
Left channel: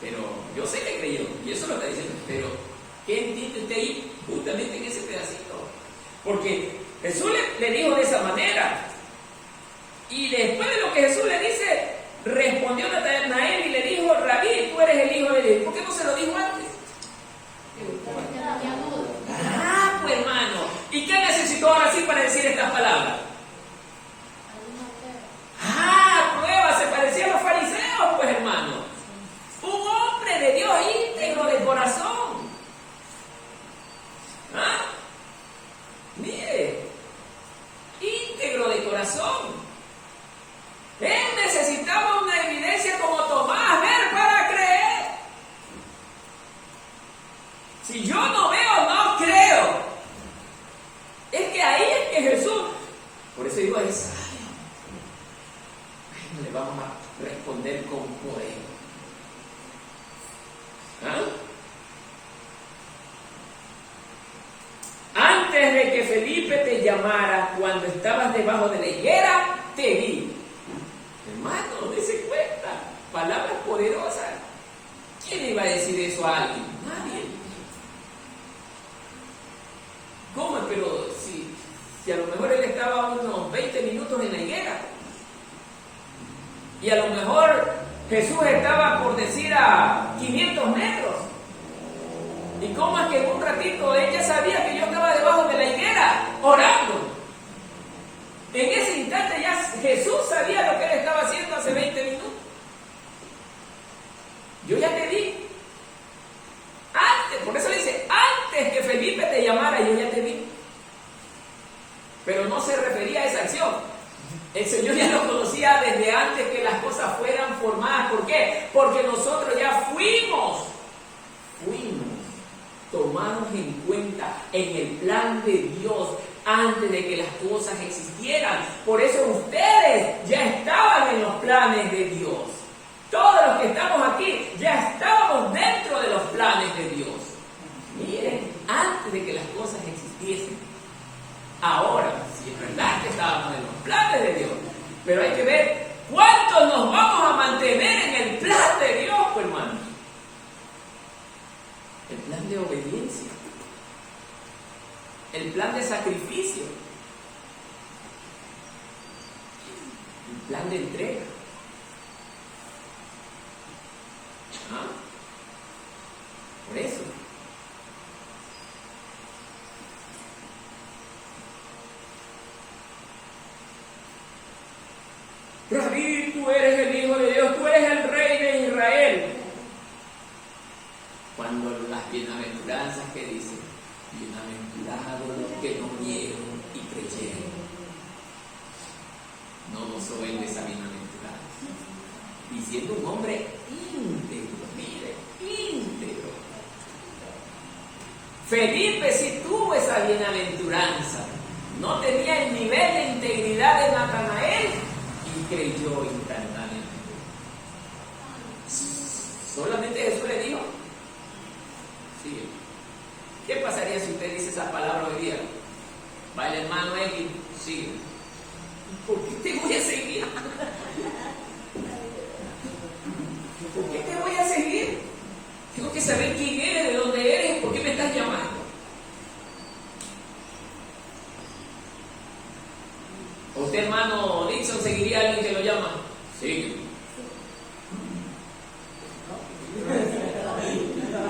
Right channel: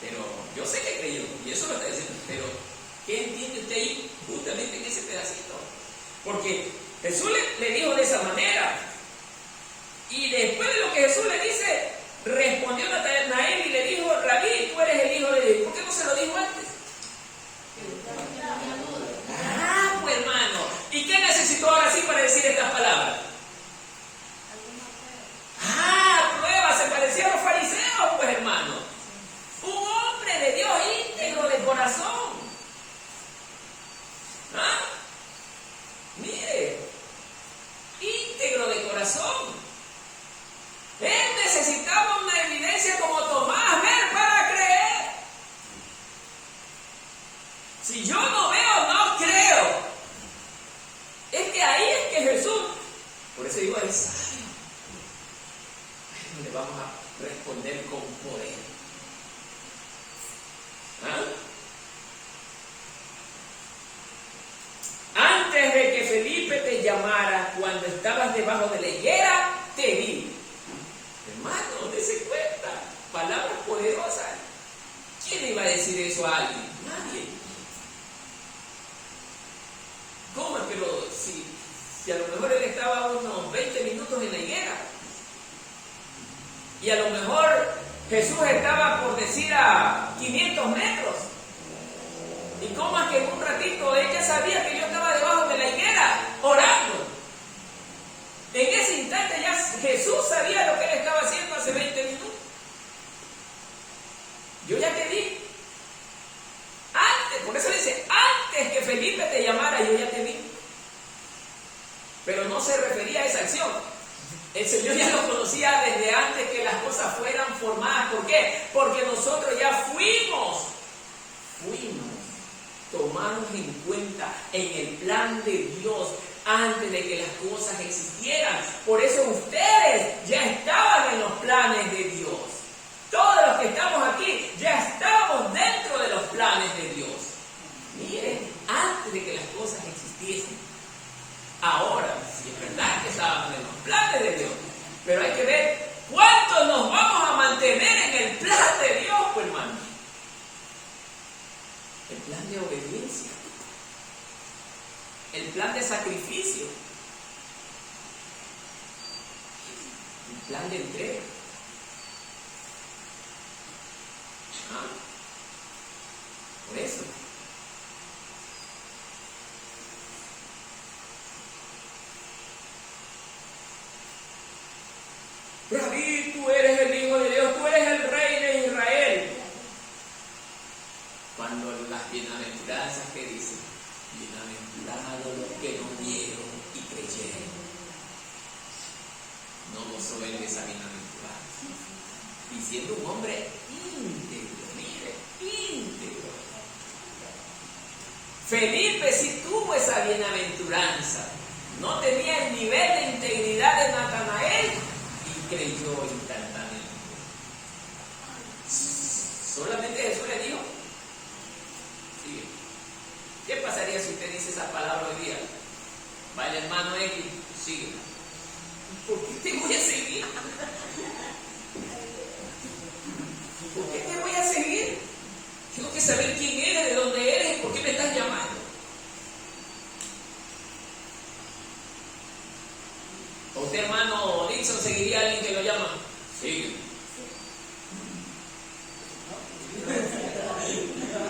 Pero yo sé que creyó, y eso lo está diciendo, pero ¿qué entiende usted ahí justamente en ese pedacito? Porque Jesús le dijo de esa manera, y después de lo que Jesús le dice, respondió Natanael y le dijo: Rabí, tú eres el Hijo de Dios. ¿Por qué no se lo dijo antes? Pues hermano, ¿y qué necesitó ahora sí para decir estas palabras? Prueba, se parecía a los fariseos, pues hermano. Un hombre de Dios íntegro de corazón. Mire, íntegro de corazón. Él necesitaba una evidencia como Tomás, ver para creer. Si yo no veo, no creo. Es que ahí es que Jesús Felipe te llamara cuando estabas debajo de la higuera, te vi. Hermano, dése cuenta, palabras poderosas. ¿Quién iba a decir eso a alguien? Nadie. ¿Cómo? Pero si a lo mejor él estaba unos 20 minutos en la higuera. Y a lo mejor Jesús estaba, por decir, a 500 metros. ¿Y cómo es que en un ratito ella sabía que yo estaba debajo de la higuera orando? En ese instante ya Jesús sabía lo que él estaba haciendo hace 20 minutos. Yo ya te vi. Antes, por eso le dice, antes que Felipe te llamara, yo ya te vi. Pero no se refería a esa acción. El Señor ya lo conocía desde antes que las cosas fueran formadas. ¿Por qué? Porque nosotros ya fuimos tomados en cuenta en el plan de Dios antes de que las cosas existieran. Por eso ustedes ya estaban en los planes de Dios. Todos los que estamos aquí ya estábamos dentro de los planes de Dios. Miren, antes de que las cosas existiesen. Ahora, sí es verdad que estábamos en los planes de Dios, pero hay que ver cuánto nos vamos a mantener en el plan de Dios, pues, hermano. El plan de obediencia, el plan de sacrificio, el plan de entrega. Por eso. Rabí, tú eres el Hijo de Dios, tú eres el Rey de Israel. Cuando las bienaventuranzas que dicen, bienaventurados los que no vieron y creyeron. No gozó él de esa bienaventuranza. Diciendo un hombre íntegro, mire, íntegro. Felipe sí tuvo esa bienaventuranza. No tenía el nivel de integridad de Natanael y creyó instantáneamente. Solamente Jesús le dijo, sigue. ¿Qué pasaría si usted dice esa palabra hoy día? Va el hermano X, sigue. ¿Por qué te voy a seguir? ¿Por qué te voy a seguir? Tengo que saber quién eres, de dónde eres, por qué me estás llamando. ¿Usted, hermano Dixon, seguiría a alguien que lo llama? Sí.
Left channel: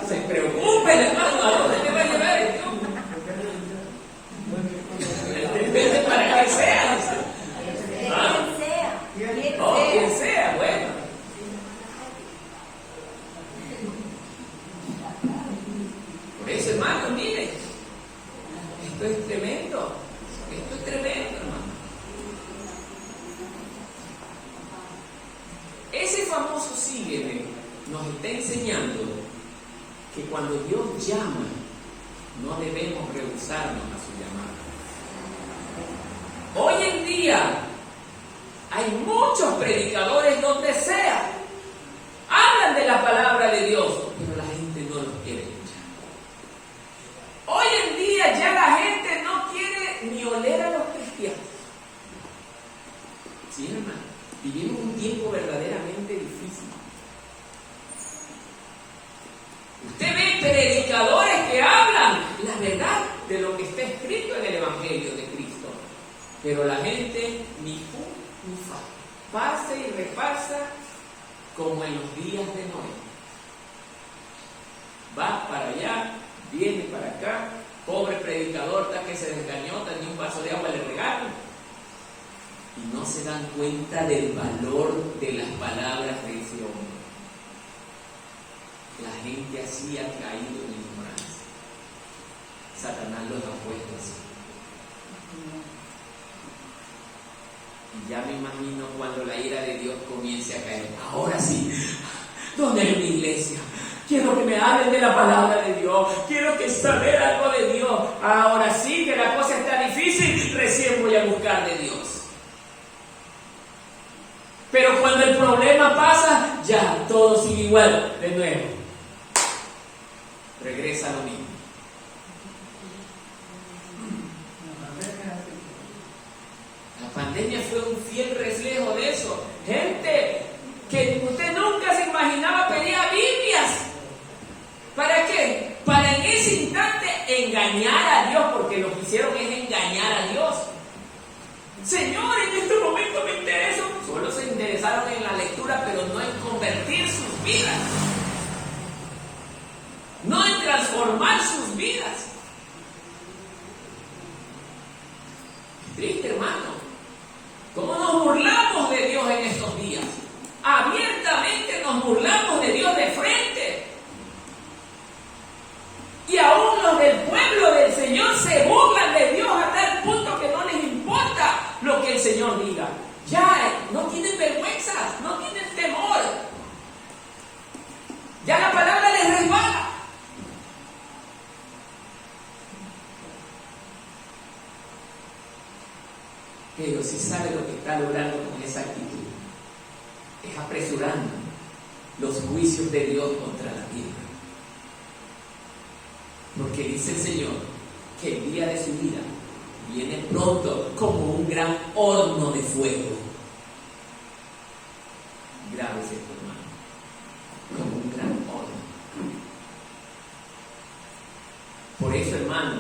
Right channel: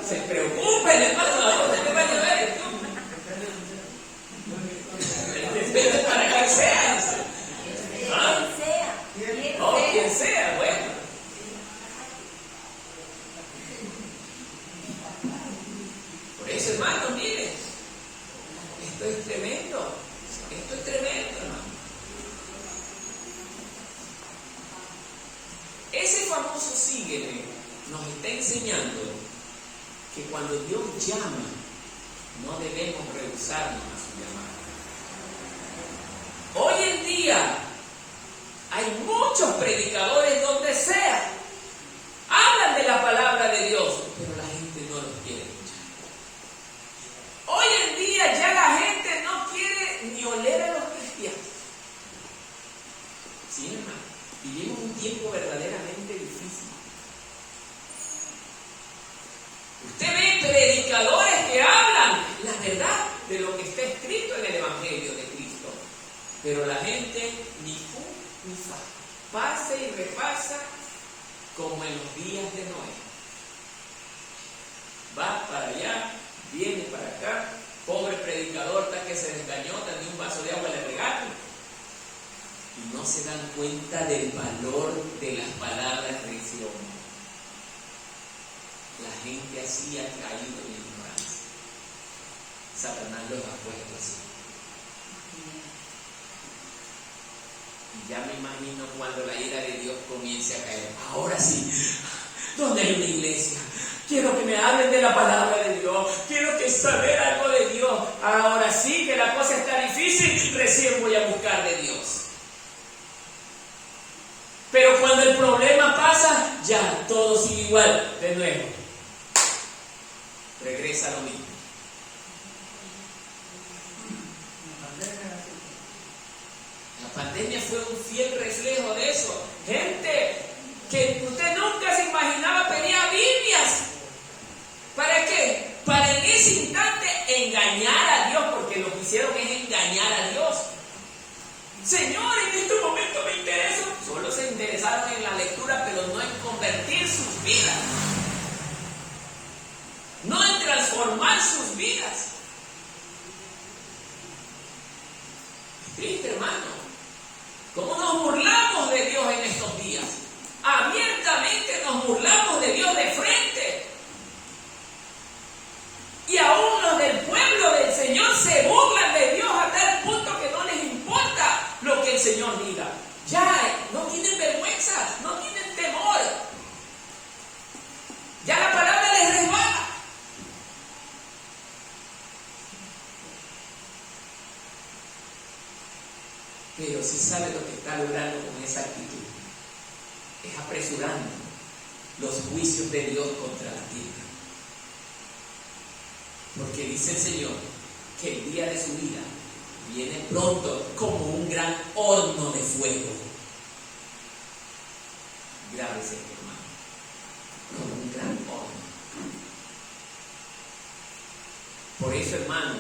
Se preocupe el hermano, ¿a dónde te va a llevar esto? Depende para qué seas. ¿Ah? Quien sea, bueno. Por eso, hermano, mire, esto es tremendo. Esto es tremendo, hermano. Ese famoso sígueme nos está enseñando que cuando Dios llama, no debemos rehusarnos a su llamada. Hoy en día hay muchos predicadores donde sea, hablan de la palabra de Dios, pero la gente no los quiere escuchar. Hoy en día ya la gente no quiere ni oler a los cristianos. Sí, hermano, vivimos un tiempo verdaderamente difícil. Usted ve predicadores que hablan la verdad de lo que está escrito en el Evangelio de Cristo, pero la gente ni fu ni fa, pasa y repasa como en los días de Noé. Va para allá, viene para acá, pobre predicador, está que se desgañota, ni un vaso de agua le regalan. Y no se dan cuenta del valor de las palabras de ese hombre. La gente así ha caído en ignorancia. Satanás los ha puesto así. Y ya me imagino cuando la ira de Dios comience a caer. Ahora sí, ¿dónde hay una iglesia? Quiero que me hablen de la palabra de Dios. Quiero que saber algo de Dios. Ahora sí que la cosa está difícil, recién voy a buscar de Dios. Pero cuando el problema pasa, ya todo sigue igual de nuevo. Regresa lo mismo. engañar a Dios, porque lo que hicieron es engañar a Dios. Señor, en este momento me intereso. Solo se interesaron en la lectura, pero no en convertir sus vidas. No en transformar sus vidas. Es triste, hermano. ¿Cómo nos burlamos de Dios en estos días? Abiertamente nos burlamos de Dios de frente. Y aún los del pueblo del Señor se burlan de Dios a tal punto que no les importa lo que el Señor diga. Ya no tienen vergüenza, no tienen temor. Ya la palabra les resbala. Pero si sabe lo que está logrando con esa actitud, es apresurando los juicios de Dios contra la tierra. Porque dice el Señor que el día de su vida viene pronto como un gran horno de fuego. Grave es esto, hermano, como un gran horno. Por eso, hermano,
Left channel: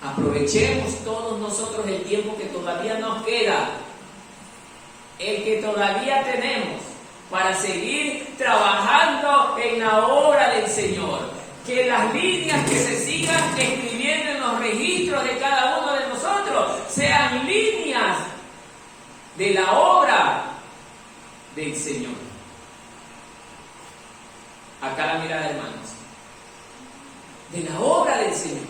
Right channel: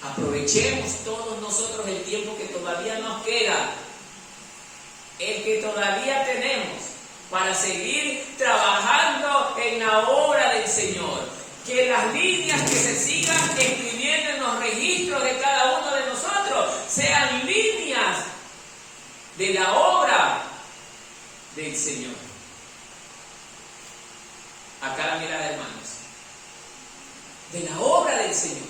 aprovechemos todos nosotros el tiempo que todavía nos queda, el que todavía tenemos, para seguir trabajando en la obra del Señor. Que las líneas que se sigan escribiendo en los registros de cada uno de nosotros sean líneas de la obra del Señor. Acá la mirada, hermanos, de la obra del Señor.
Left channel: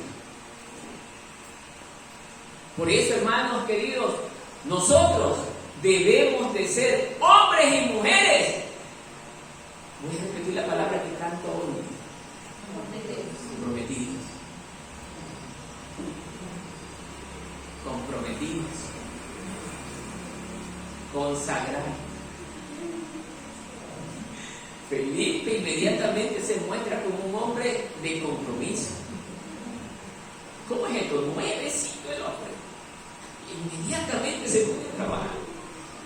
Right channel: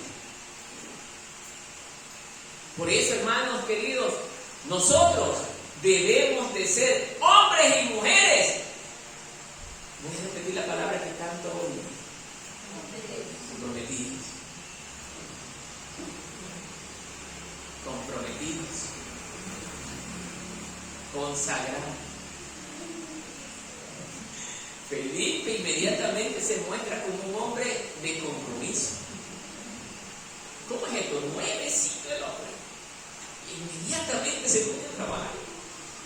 Por eso, hermanos queridos, nosotros debemos de ser hombres y mujeres. Voy a repetir la palabra que tanto odio. Comprometidos, consagrados. Felipe inmediatamente se muestra como un hombre de compromiso. ¿Cómo es esto? Nuevecito el hombre. Inmediatamente se pone a trabajar.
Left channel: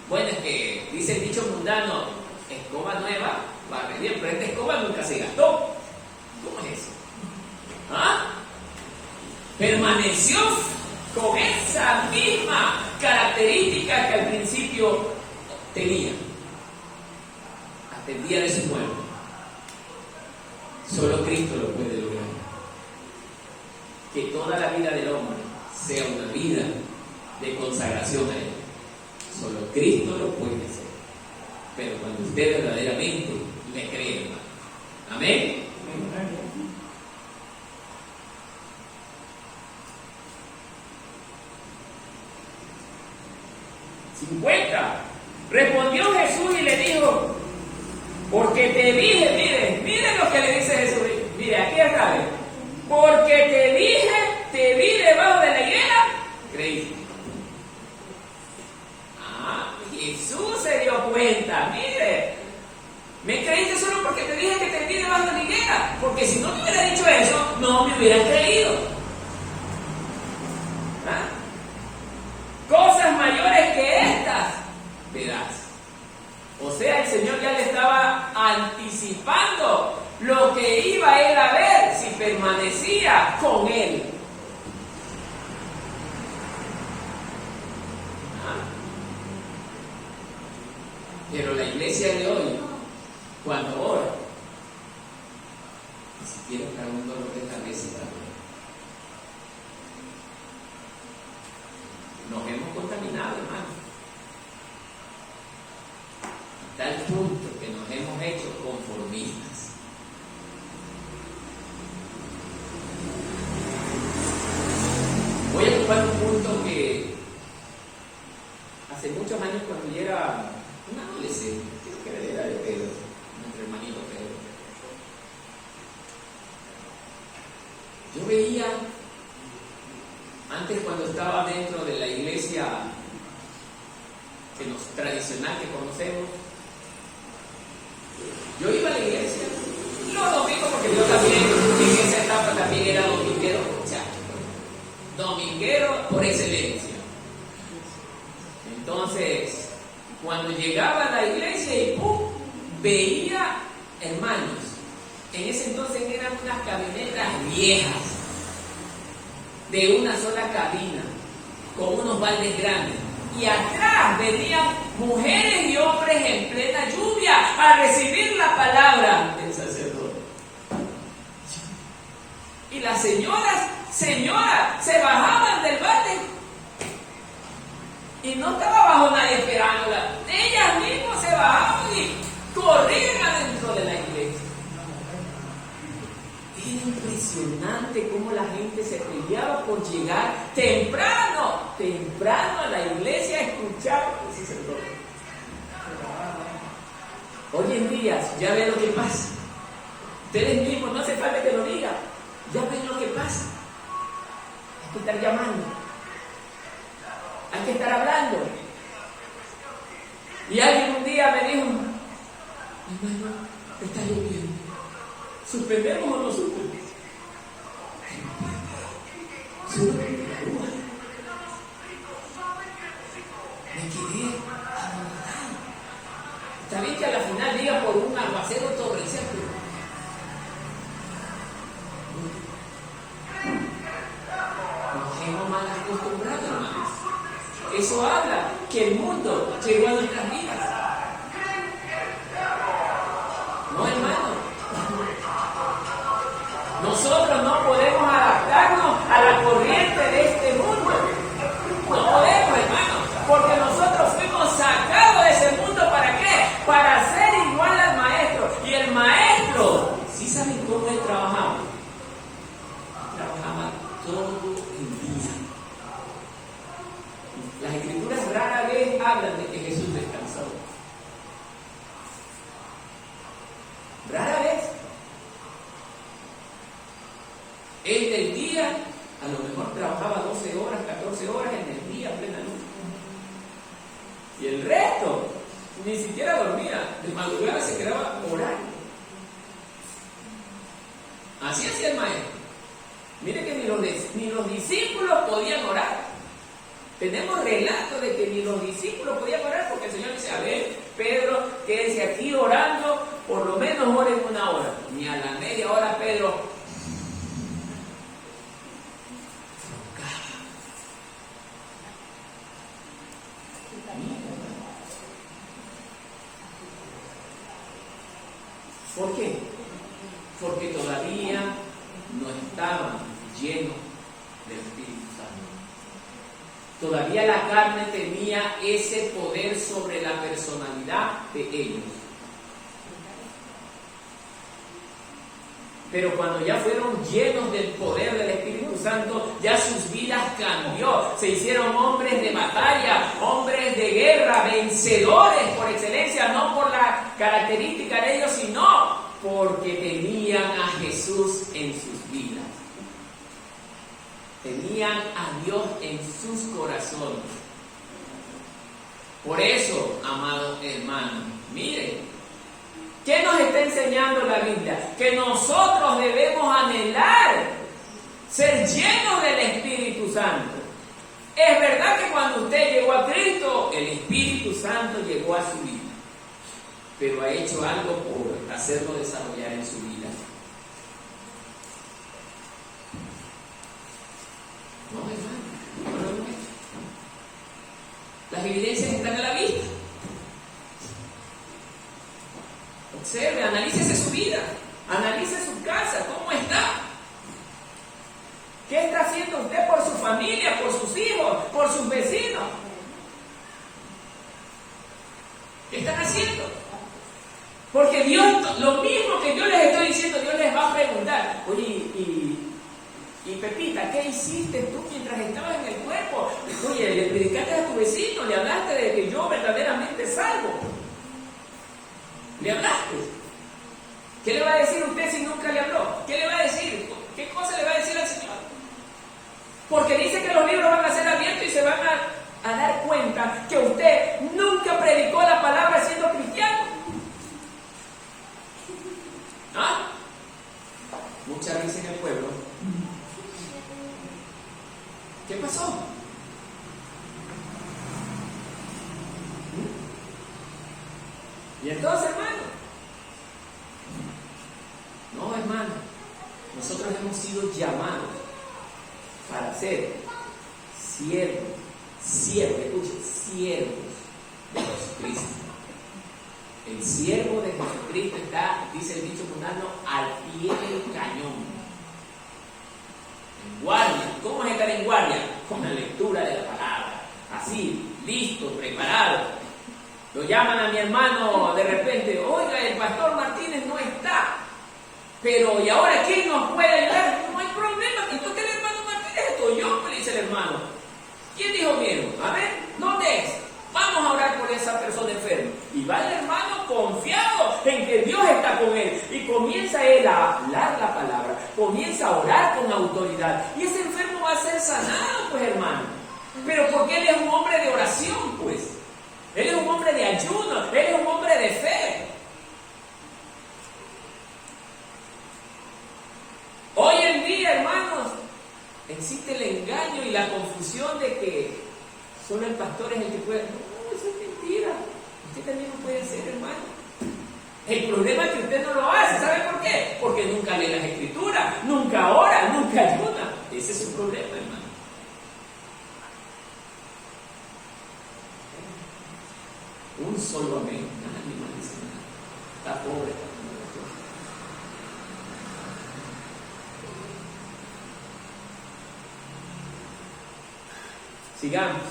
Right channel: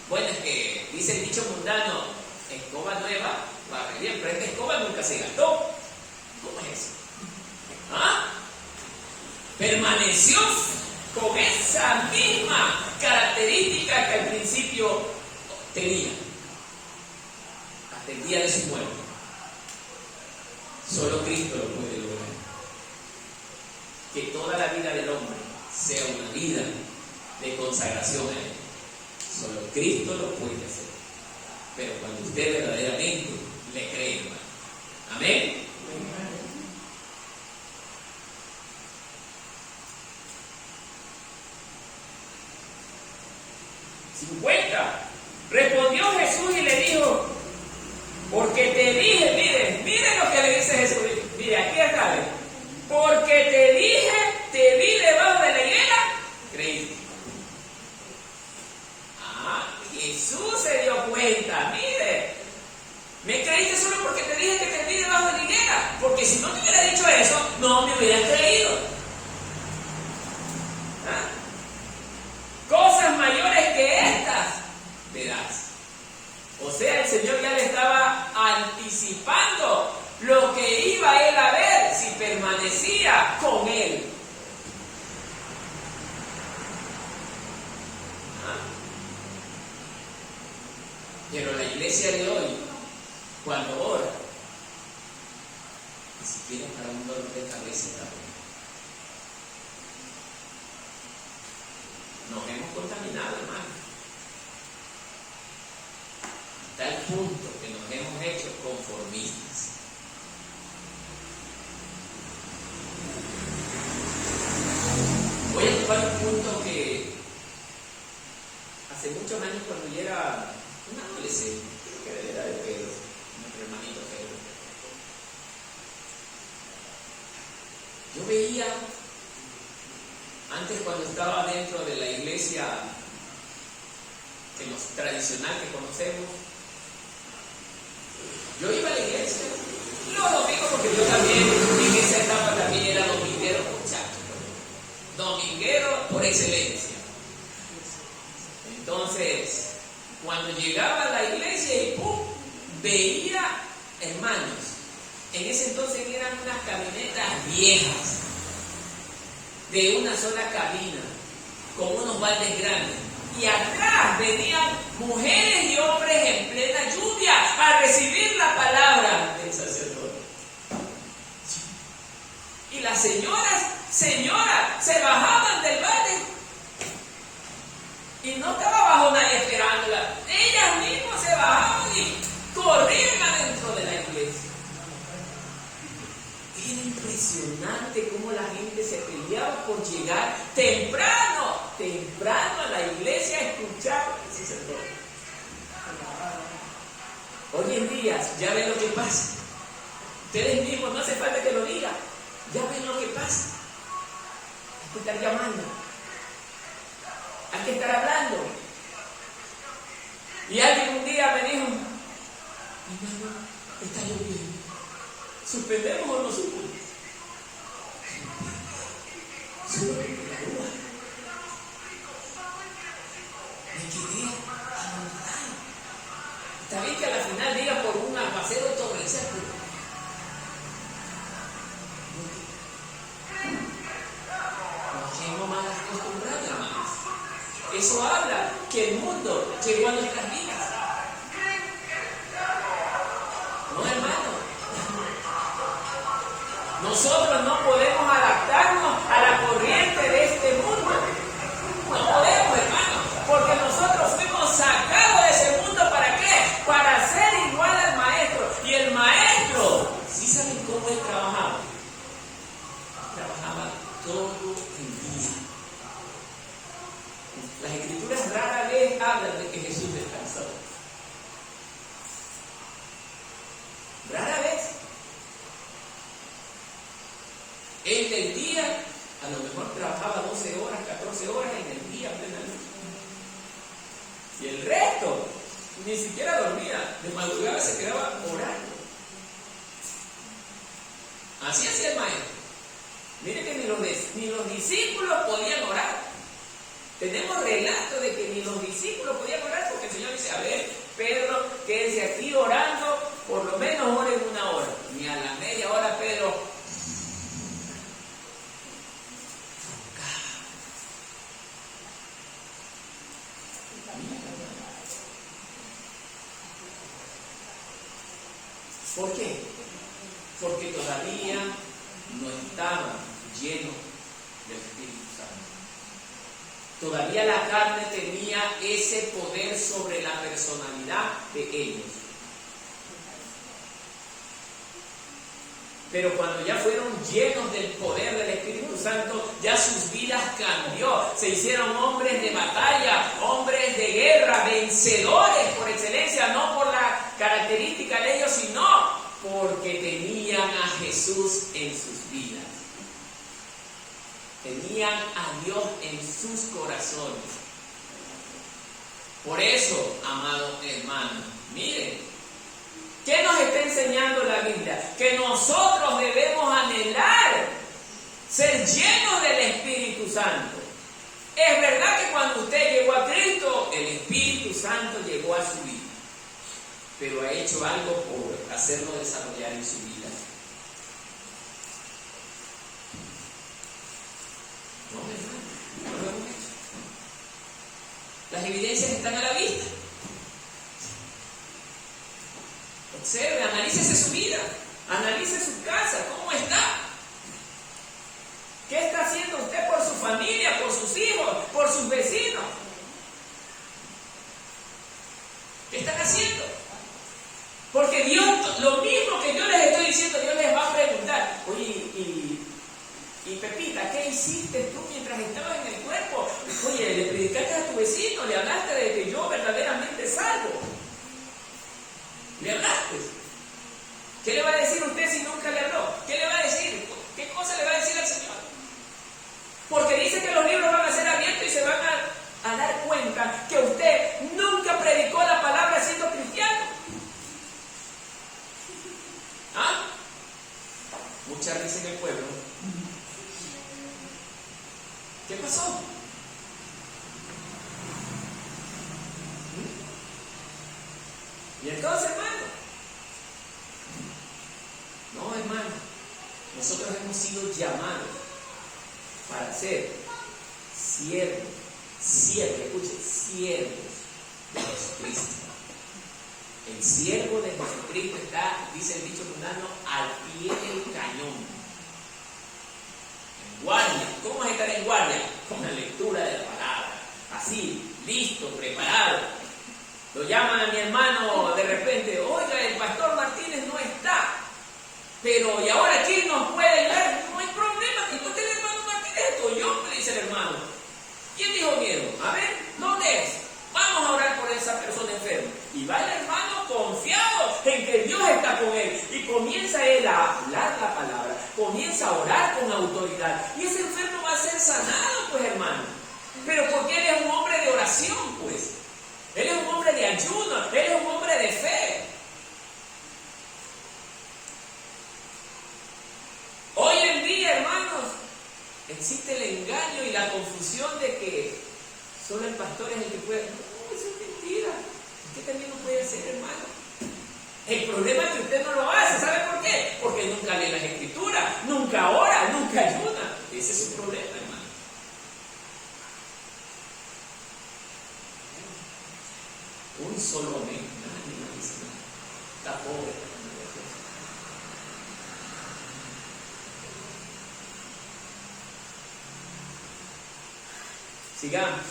Bueno, es que dice el dicho mundano, escoba nueva, barre bien, pero esta escoba nunca se gastó. ¿Cómo es eso? ¿Ah? Permaneció con esa misma característica que al principio tenía, hasta el día de su muerte. Solo Cristo lo puede lograr. Que toda la vida del hombre sea una vida de consagración a Él. Solo Cristo lo puede hacer. Pero cuando usted verdaderamente le cree, hermano. Amén. 50. Respondió Jesús y le dijo, porque te dije, miren lo que le dice Jesús, mire, aquí está, porque te vi debajo de la higuera, creíste. Jesús se dio cuenta, mire, me creíste solo porque te dije que te vi debajo de la higuera, porque si no te hubiera dicho eso, no me hubieras creído. ¿Ah? Cosas mayores que estas verás. O sea, el Señor ya le estaba anticipando lo que iba él a ver si permanecía con él. ¿Ah? Pero la iglesia de hoy, cuando ora, ni siquiera para un dolor de cabeza está bueno. Nos hemos contaminado, hermano, a tal punto que nos hemos hecho conformistas. Voy a ocupar un punto que hace muchos años, cuando yo era un adolescente, creo que era de la edad de Pedro, nuestro hermanito Pedro, yo veía, antes cuando estaba dentro de la iglesia tradicional que conocemos, yo iba a la iglesia los domingos, porque yo también en esa etapa también era dominguero, muchacho, dominguero por excelencia. Entonces, cuando llegaba a la iglesia y veía hermanos, en ese entonces eran unas camionetas viejas, de una sola cabina, con unos baldes grandes. Y atrás venían mujeres y hombres en plena lluvia a recibir la palabra del sacerdote. Y las señoras, se bajaban del balde. Y no estaba bajo nadie esperándola. Ellas mismas se bajaban y corrían adentro de la iglesia. Era impresionante cómo la gente se peleaba por llegar temprano a la iglesia a escuchar al sacerdote. Hoy en día, ya ven lo que pasa. Ustedes mismos, no hace falta que lo digan. Ya ven lo que pasa. Hay que estar llamando. Hay que estar hablando. Y alguien un día me dijo: hermano, está lloviendo. ¿Suspendemos o no suspendemos? Me quedé anormal. Está bien que a la final diga por un aguacero torrencial, pero nos hemos mal acostumbrado, hermanos. Eso habla que el mundo llegó a nuestras vidas. No, hermano. Nosotros no podemos adaptarnos a la corriente de este mundo. No podemos, hermano, porque nosotros fuimos sacados de ese mundo. ¿Para qué? Para ser igual al maestro. Y el maestro, ¿sí saben cómo él trabajaba? Trabajaba todo el día. Las escrituras rara vez hablan de que Jesús descansó. Rara vez. Él del día, a lo mejor trabajaba 12 horas, 14 horas en el día, plena luz. Y el resto, ni siquiera dormía. De madrugada se quedaba orando. Así hacía el maestro. Mire que ni los discípulos podían orar. Tenemos relatos de que ni los discípulos podían orar, porque el Señor dice: a ver, Pedro, quédense aquí orando, por lo menos oren una hora. Ni a la media hora Pedro ¿por qué? Porque todavía no estaban llenos del Espíritu Santo. Todavía la carne tenía ese poder sobre la personalidad de ellos. Pero cuando ya fueron llenos del poder del Espíritu Santo, ya sus vidas cambió. Se hicieron hombres de batalla, hombres de guerra, vencedores por excelencia, no por la característica de ellos, sino porque tenían a Jesús en sus vidas. Tenían a Dios en sus corazones. Por eso, amado hermano, miren, ¿qué nos está enseñando la Biblia? Que nosotros debemos anhelar ser llenos del Espíritu Santo. Es verdad que cuando usted llegó a Cristo, el Espíritu Santo llegó a su vida, pero ha hecho algo por hacerlo desarrollar en su vida. No, hermano, no lo hemos hecho. Las evidencias están a la vista. Observe, analícese su vida, analice su casa, cómo está. ¿Qué está haciendo usted por su familia, por sus hijos, por sus vecinos? ¿Qué están haciendo? Porque Dios, lo mismo que yo les estoy diciendo, Dios les va a preguntar: oye, y Pepita, ¿qué hiciste tú mientras estabas en el cuerpo? Oye, le predicaste a tu vecino, le hablaste de que yo verdaderamente salvo. ¿Le hablaste? ¿Qué le va a decir usted si nunca le habló? ¿Qué le va a decir? ¿Qué cosa le va a decir al Señor? Porque dice que los libros van a ser abiertos y se van a dar cuenta que usted nunca predicó la palabra siendo cristiano. ¿Ah? Mucha risa en el pueblo. ¿Qué pasó? Y entonces, hermano, no, hermano, nosotros hemos sido llamados para ser siervos, escuchen, siervos de Jesucristo. El siervo de Jesucristo está, dice el dicho mundano, al pie del cañón. En guardia. ¿Cómo es estar en guardia? Con la lectura de la palabra. Así, listo, preparado. Lo llaman a mi hermano de repente, oiga, el pastor Martínez no está. Pero, ¿y ahora quién nos puede ayudar? No hay problema, ¿y usted el hermano Martínez? Esto yo, me dice el hermano. ¿Quién dijo miedo? A ver, ¿dónde es? Vamos a orar por esa persona enferma. Y va el hermano confiado en que Dios está con él. Y comienza él a hablar la palabra. Comienza a orar con autoridad. Y ese enfermo va a ser sanado, pues, hermano. Pero porque él es un hombre de oración, pues. Él es un hombre de ayuno. Él es un hombre de fe. Hoy en día, hermanos, existe el engaño y la confusión de que solo el pastor es el que puede. No, eso es mentira. Usted también lo puede hacer, hermano. El problema es que usted no lo hace. ¿Sabe por qué? Porque nunca lee las escrituras, nunca ora, nunca ayuna. Ese es su problema, hermano. Un solo amén. Nadie no dice nada. Está pobre. Sigamos.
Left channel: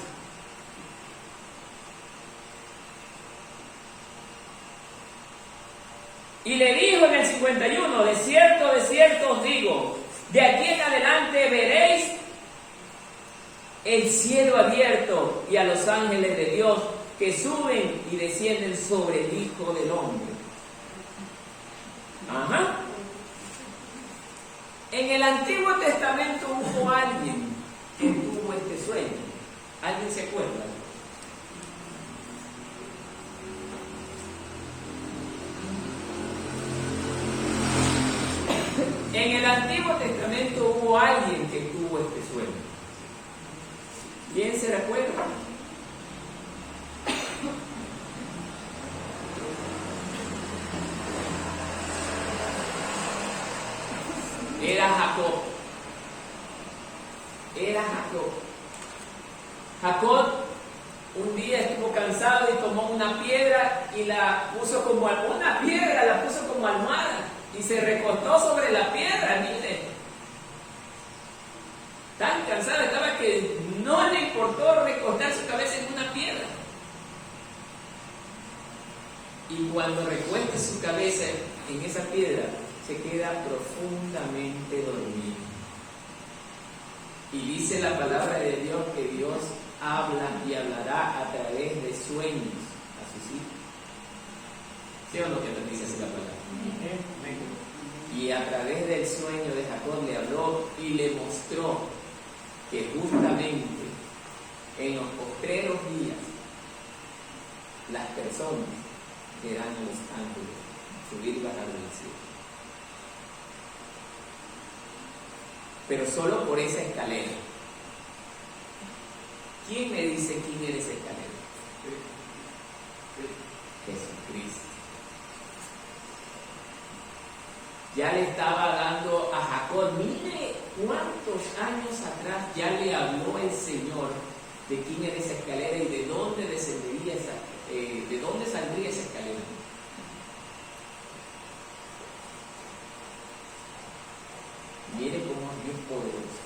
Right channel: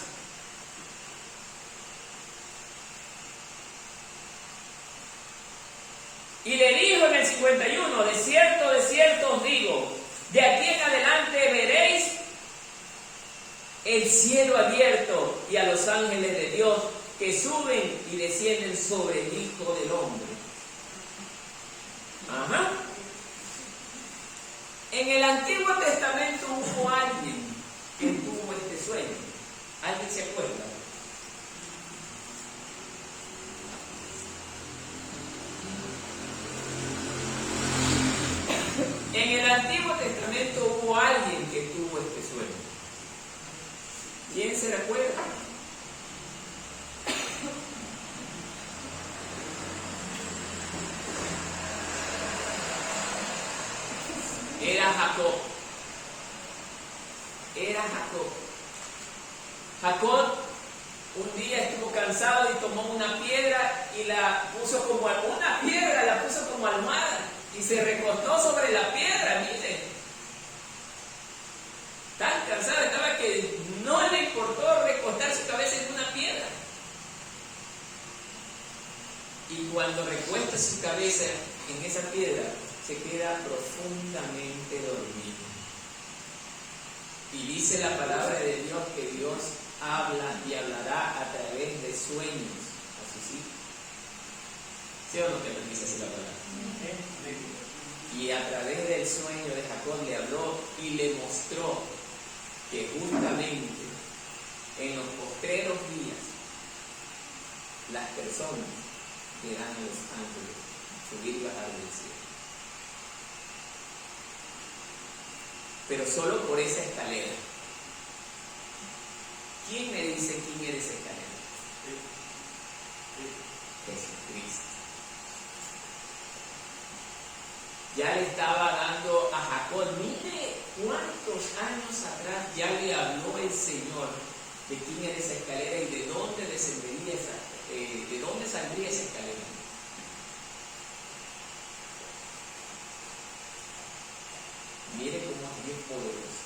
Y le dijo en el 51, de cierto os digo, de aquí en adelante veréis el cielo abierto y a los ángeles de Dios que suben y descienden sobre el Hijo del Hombre. Ajá. En el Antiguo Testamento hubo alguien que tuvo este sueño. ¿Alguien se acuerda? En el Antiguo Testamento hubo alguien que tuvo este sueño. ¿Quién se recuerda? Era Jacob. Jacob un día estuvo cansado y tomó una piedra y la puso como almohada y se recostó sobre la piedra, mire. Tan cansado estaba que no le importó recostar su cabeza en una piedra. Y cuando recuesta su cabeza en esa piedra, se queda profundamente dormido. Y dice la palabra de Dios que Dios habla y hablará a través de sueños a sus hijos. ¿Sí o no que nos dice así la palabra? Y a través del sueño de Jacob le habló y le mostró que justamente en los postreros días las personas verán a los ángeles subir y bajar del cielo. Pero solo por esa escalera. ¿Quién me dice quién era esa escalera? Jesucristo. Ya le estaba dando a Jacob, mire cuántos años atrás ya le habló el Señor de quién era esa escalera y de dónde descendería de dónde saldría esa escalera. Mire cómo es poderoso.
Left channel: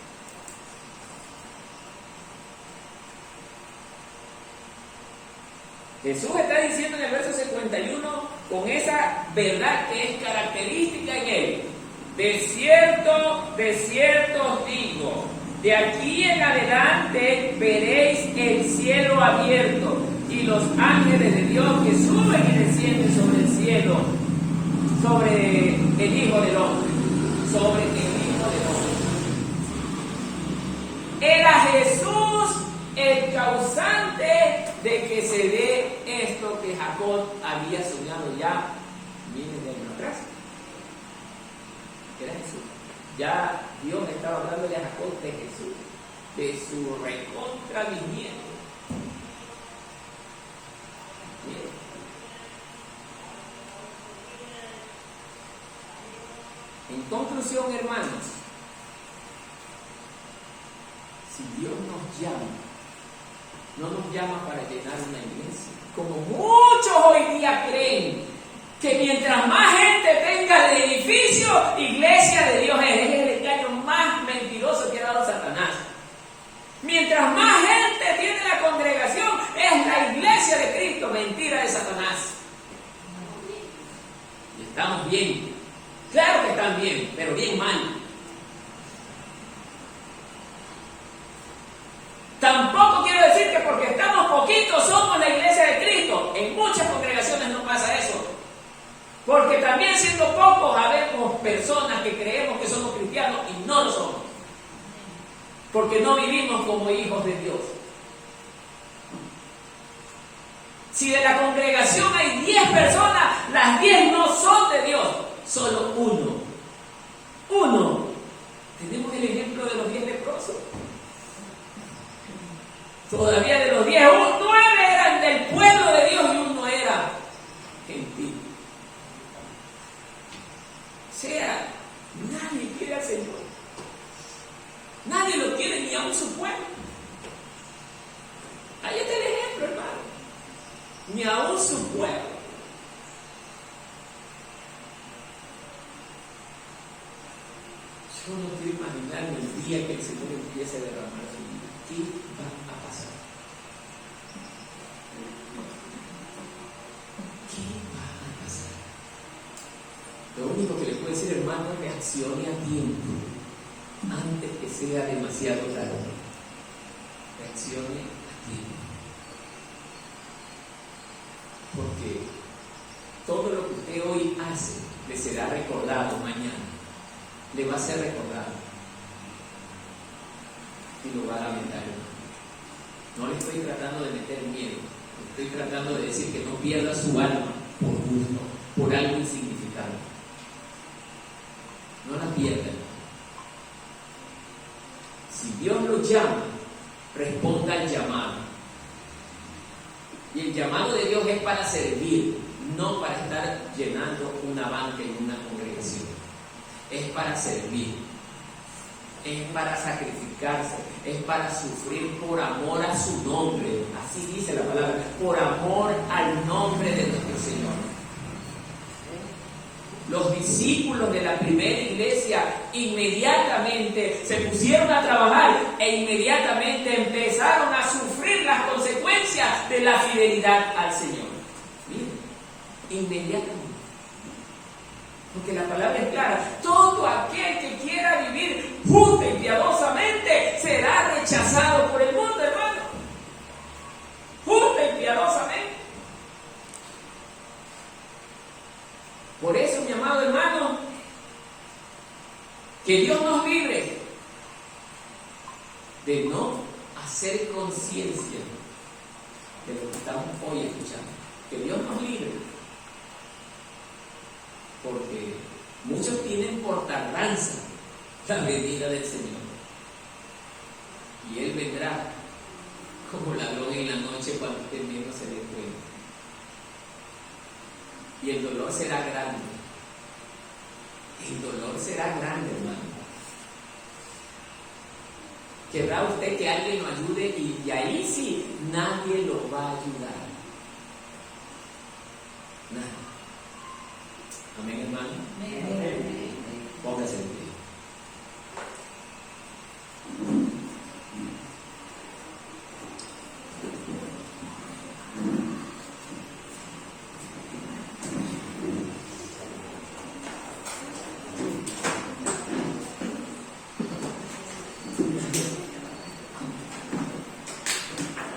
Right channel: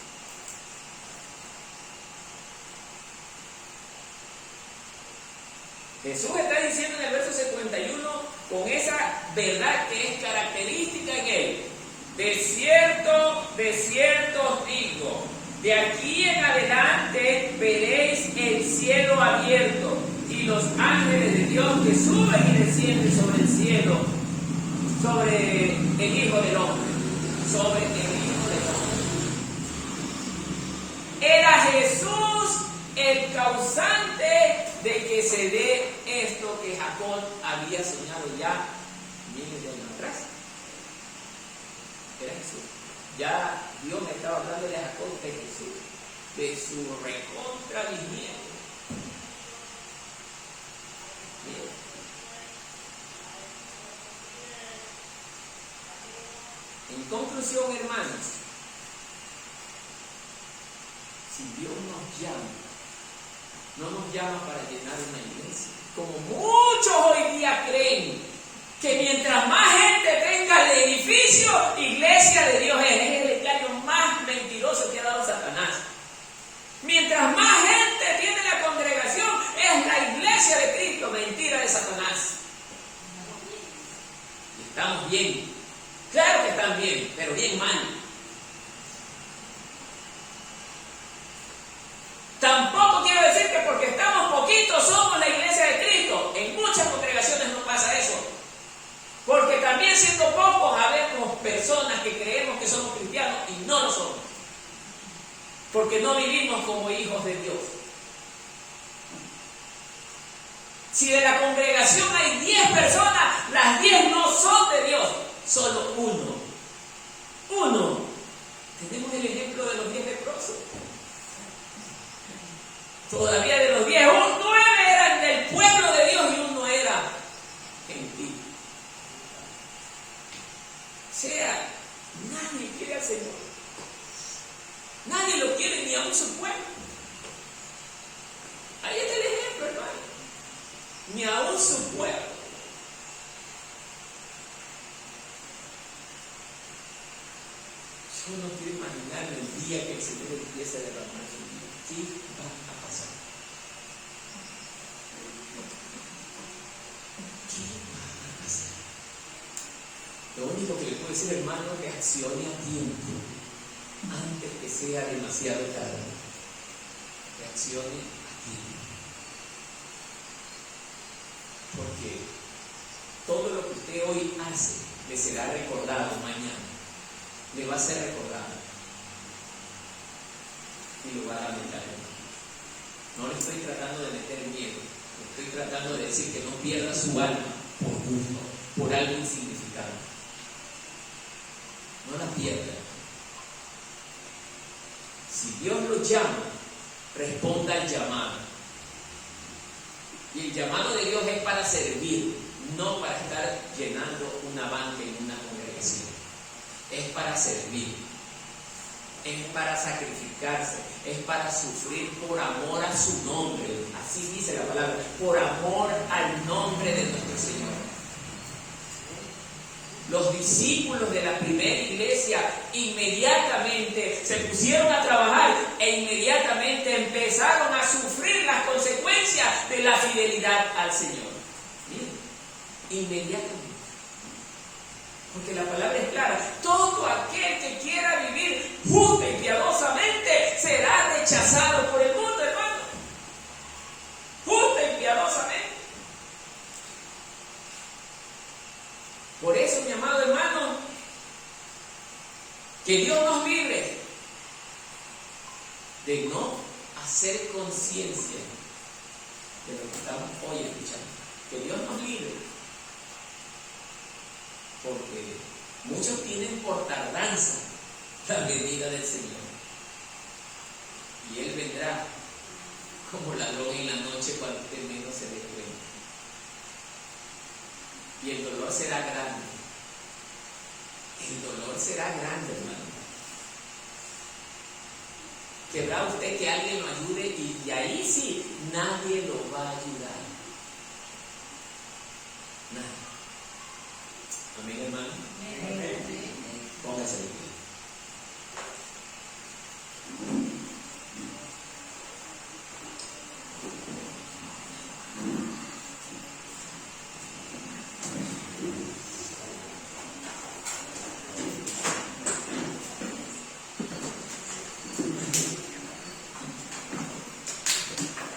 Jesús está diciendo en el verso 51, con esa verdad que es característica en él: de cierto os digo, de aquí en adelante veréis el cielo abierto y los ángeles de Dios que suben y descienden sobre el cielo, sobre el Hijo del Hombre, sobre el Hijo del Hombre. Era Jesús el causante de que se dé esto que Jacob había soñado ya miles de años atrás. Era Jesús. Ya Dios estaba hablándole a Jacob de Jesús, de su recontra bisnieto. En conclusión, hermanos, Si Dios nos llama, no nos llama para llenar una iglesia, como muchos hoy día creen, que mientras más gente tenga el edificio, iglesia de Dios es el engaño más mentiroso que ha dado Satanás. Mientras más gente tiene la congregación, es la iglesia de Cristo, mentira de Satanás. Y estamos bien, claro que están bien, pero bien mal. Tampoco quiero decir que porque estamos poquitos somos la iglesia de Cristo. En muchas congregaciones no pasa eso. Porque también siendo pocos habemos personas que creemos que somos cristianos y no lo somos. Porque no vivimos como hijos de Dios. Si de la congregación hay 10 personas, las 10 no son de Dios, solo uno. Uno. Tenemos el ejemplo de los 10 leprosos. Todavía de los 10, 9 eran del pueblo de Dios y uno era gentil. O sea, nadie quiere al Señor. Nadie lo quiere, ni aún su pueblo. Ahí está el ejemplo, hermano. Ni aún su pueblo. Yo no quiero imaginarme el día que el Señor empiece a derramar su vida. ¿Qué va a pasar? ¿Qué va a pasar? Lo único que le puedo decir, hermano, es reaccione a tiempo, antes que sea demasiado tarde. Reaccione a tiempo. Porque todo lo que usted hoy hace le será recordado mañana. Le va a ser recordado. Y lo va a lamentar, hermano. No le estoy tratando de meter miedo. Le estoy tratando de decir que no pierda su alma por gusto, por algo insignificante. No la pierda. Si Dios lo llama, responda al llamado. Y el llamado de Dios es para servir, no para estar llenando una banca en una congregación. Es para servir, es para sacrificarse, es para sufrir por amor a su nombre. Así dice la palabra, por amor al nombre de nuestro Señor. Los discípulos de la primera iglesia inmediatamente se pusieron a trabajar e inmediatamente empezaron a sufrir las consecuencias de la fidelidad al Señor. Miren, inmediatamente. Porque la palabra es clara, todo aquel que quiera vivir justa y piadosamente será rechazado por el mundo, hermano. Justa y piadosamente. Por eso, mi amado hermano, que Dios nos libre de no hacer conciencia de lo que estamos hoy escuchando. Que Dios nos libre. Porque muchos tienen por tardanza la venida del Señor. Y Él vendrá como ladrón en la noche cuando usted menos se dé cuenta. Y el dolor será grande. El dolor será grande, hermano. Querrá usted que alguien lo ayude y ahí sí, nadie lo va a ayudar. Nadie. Amén, hermano. Póngase de pie.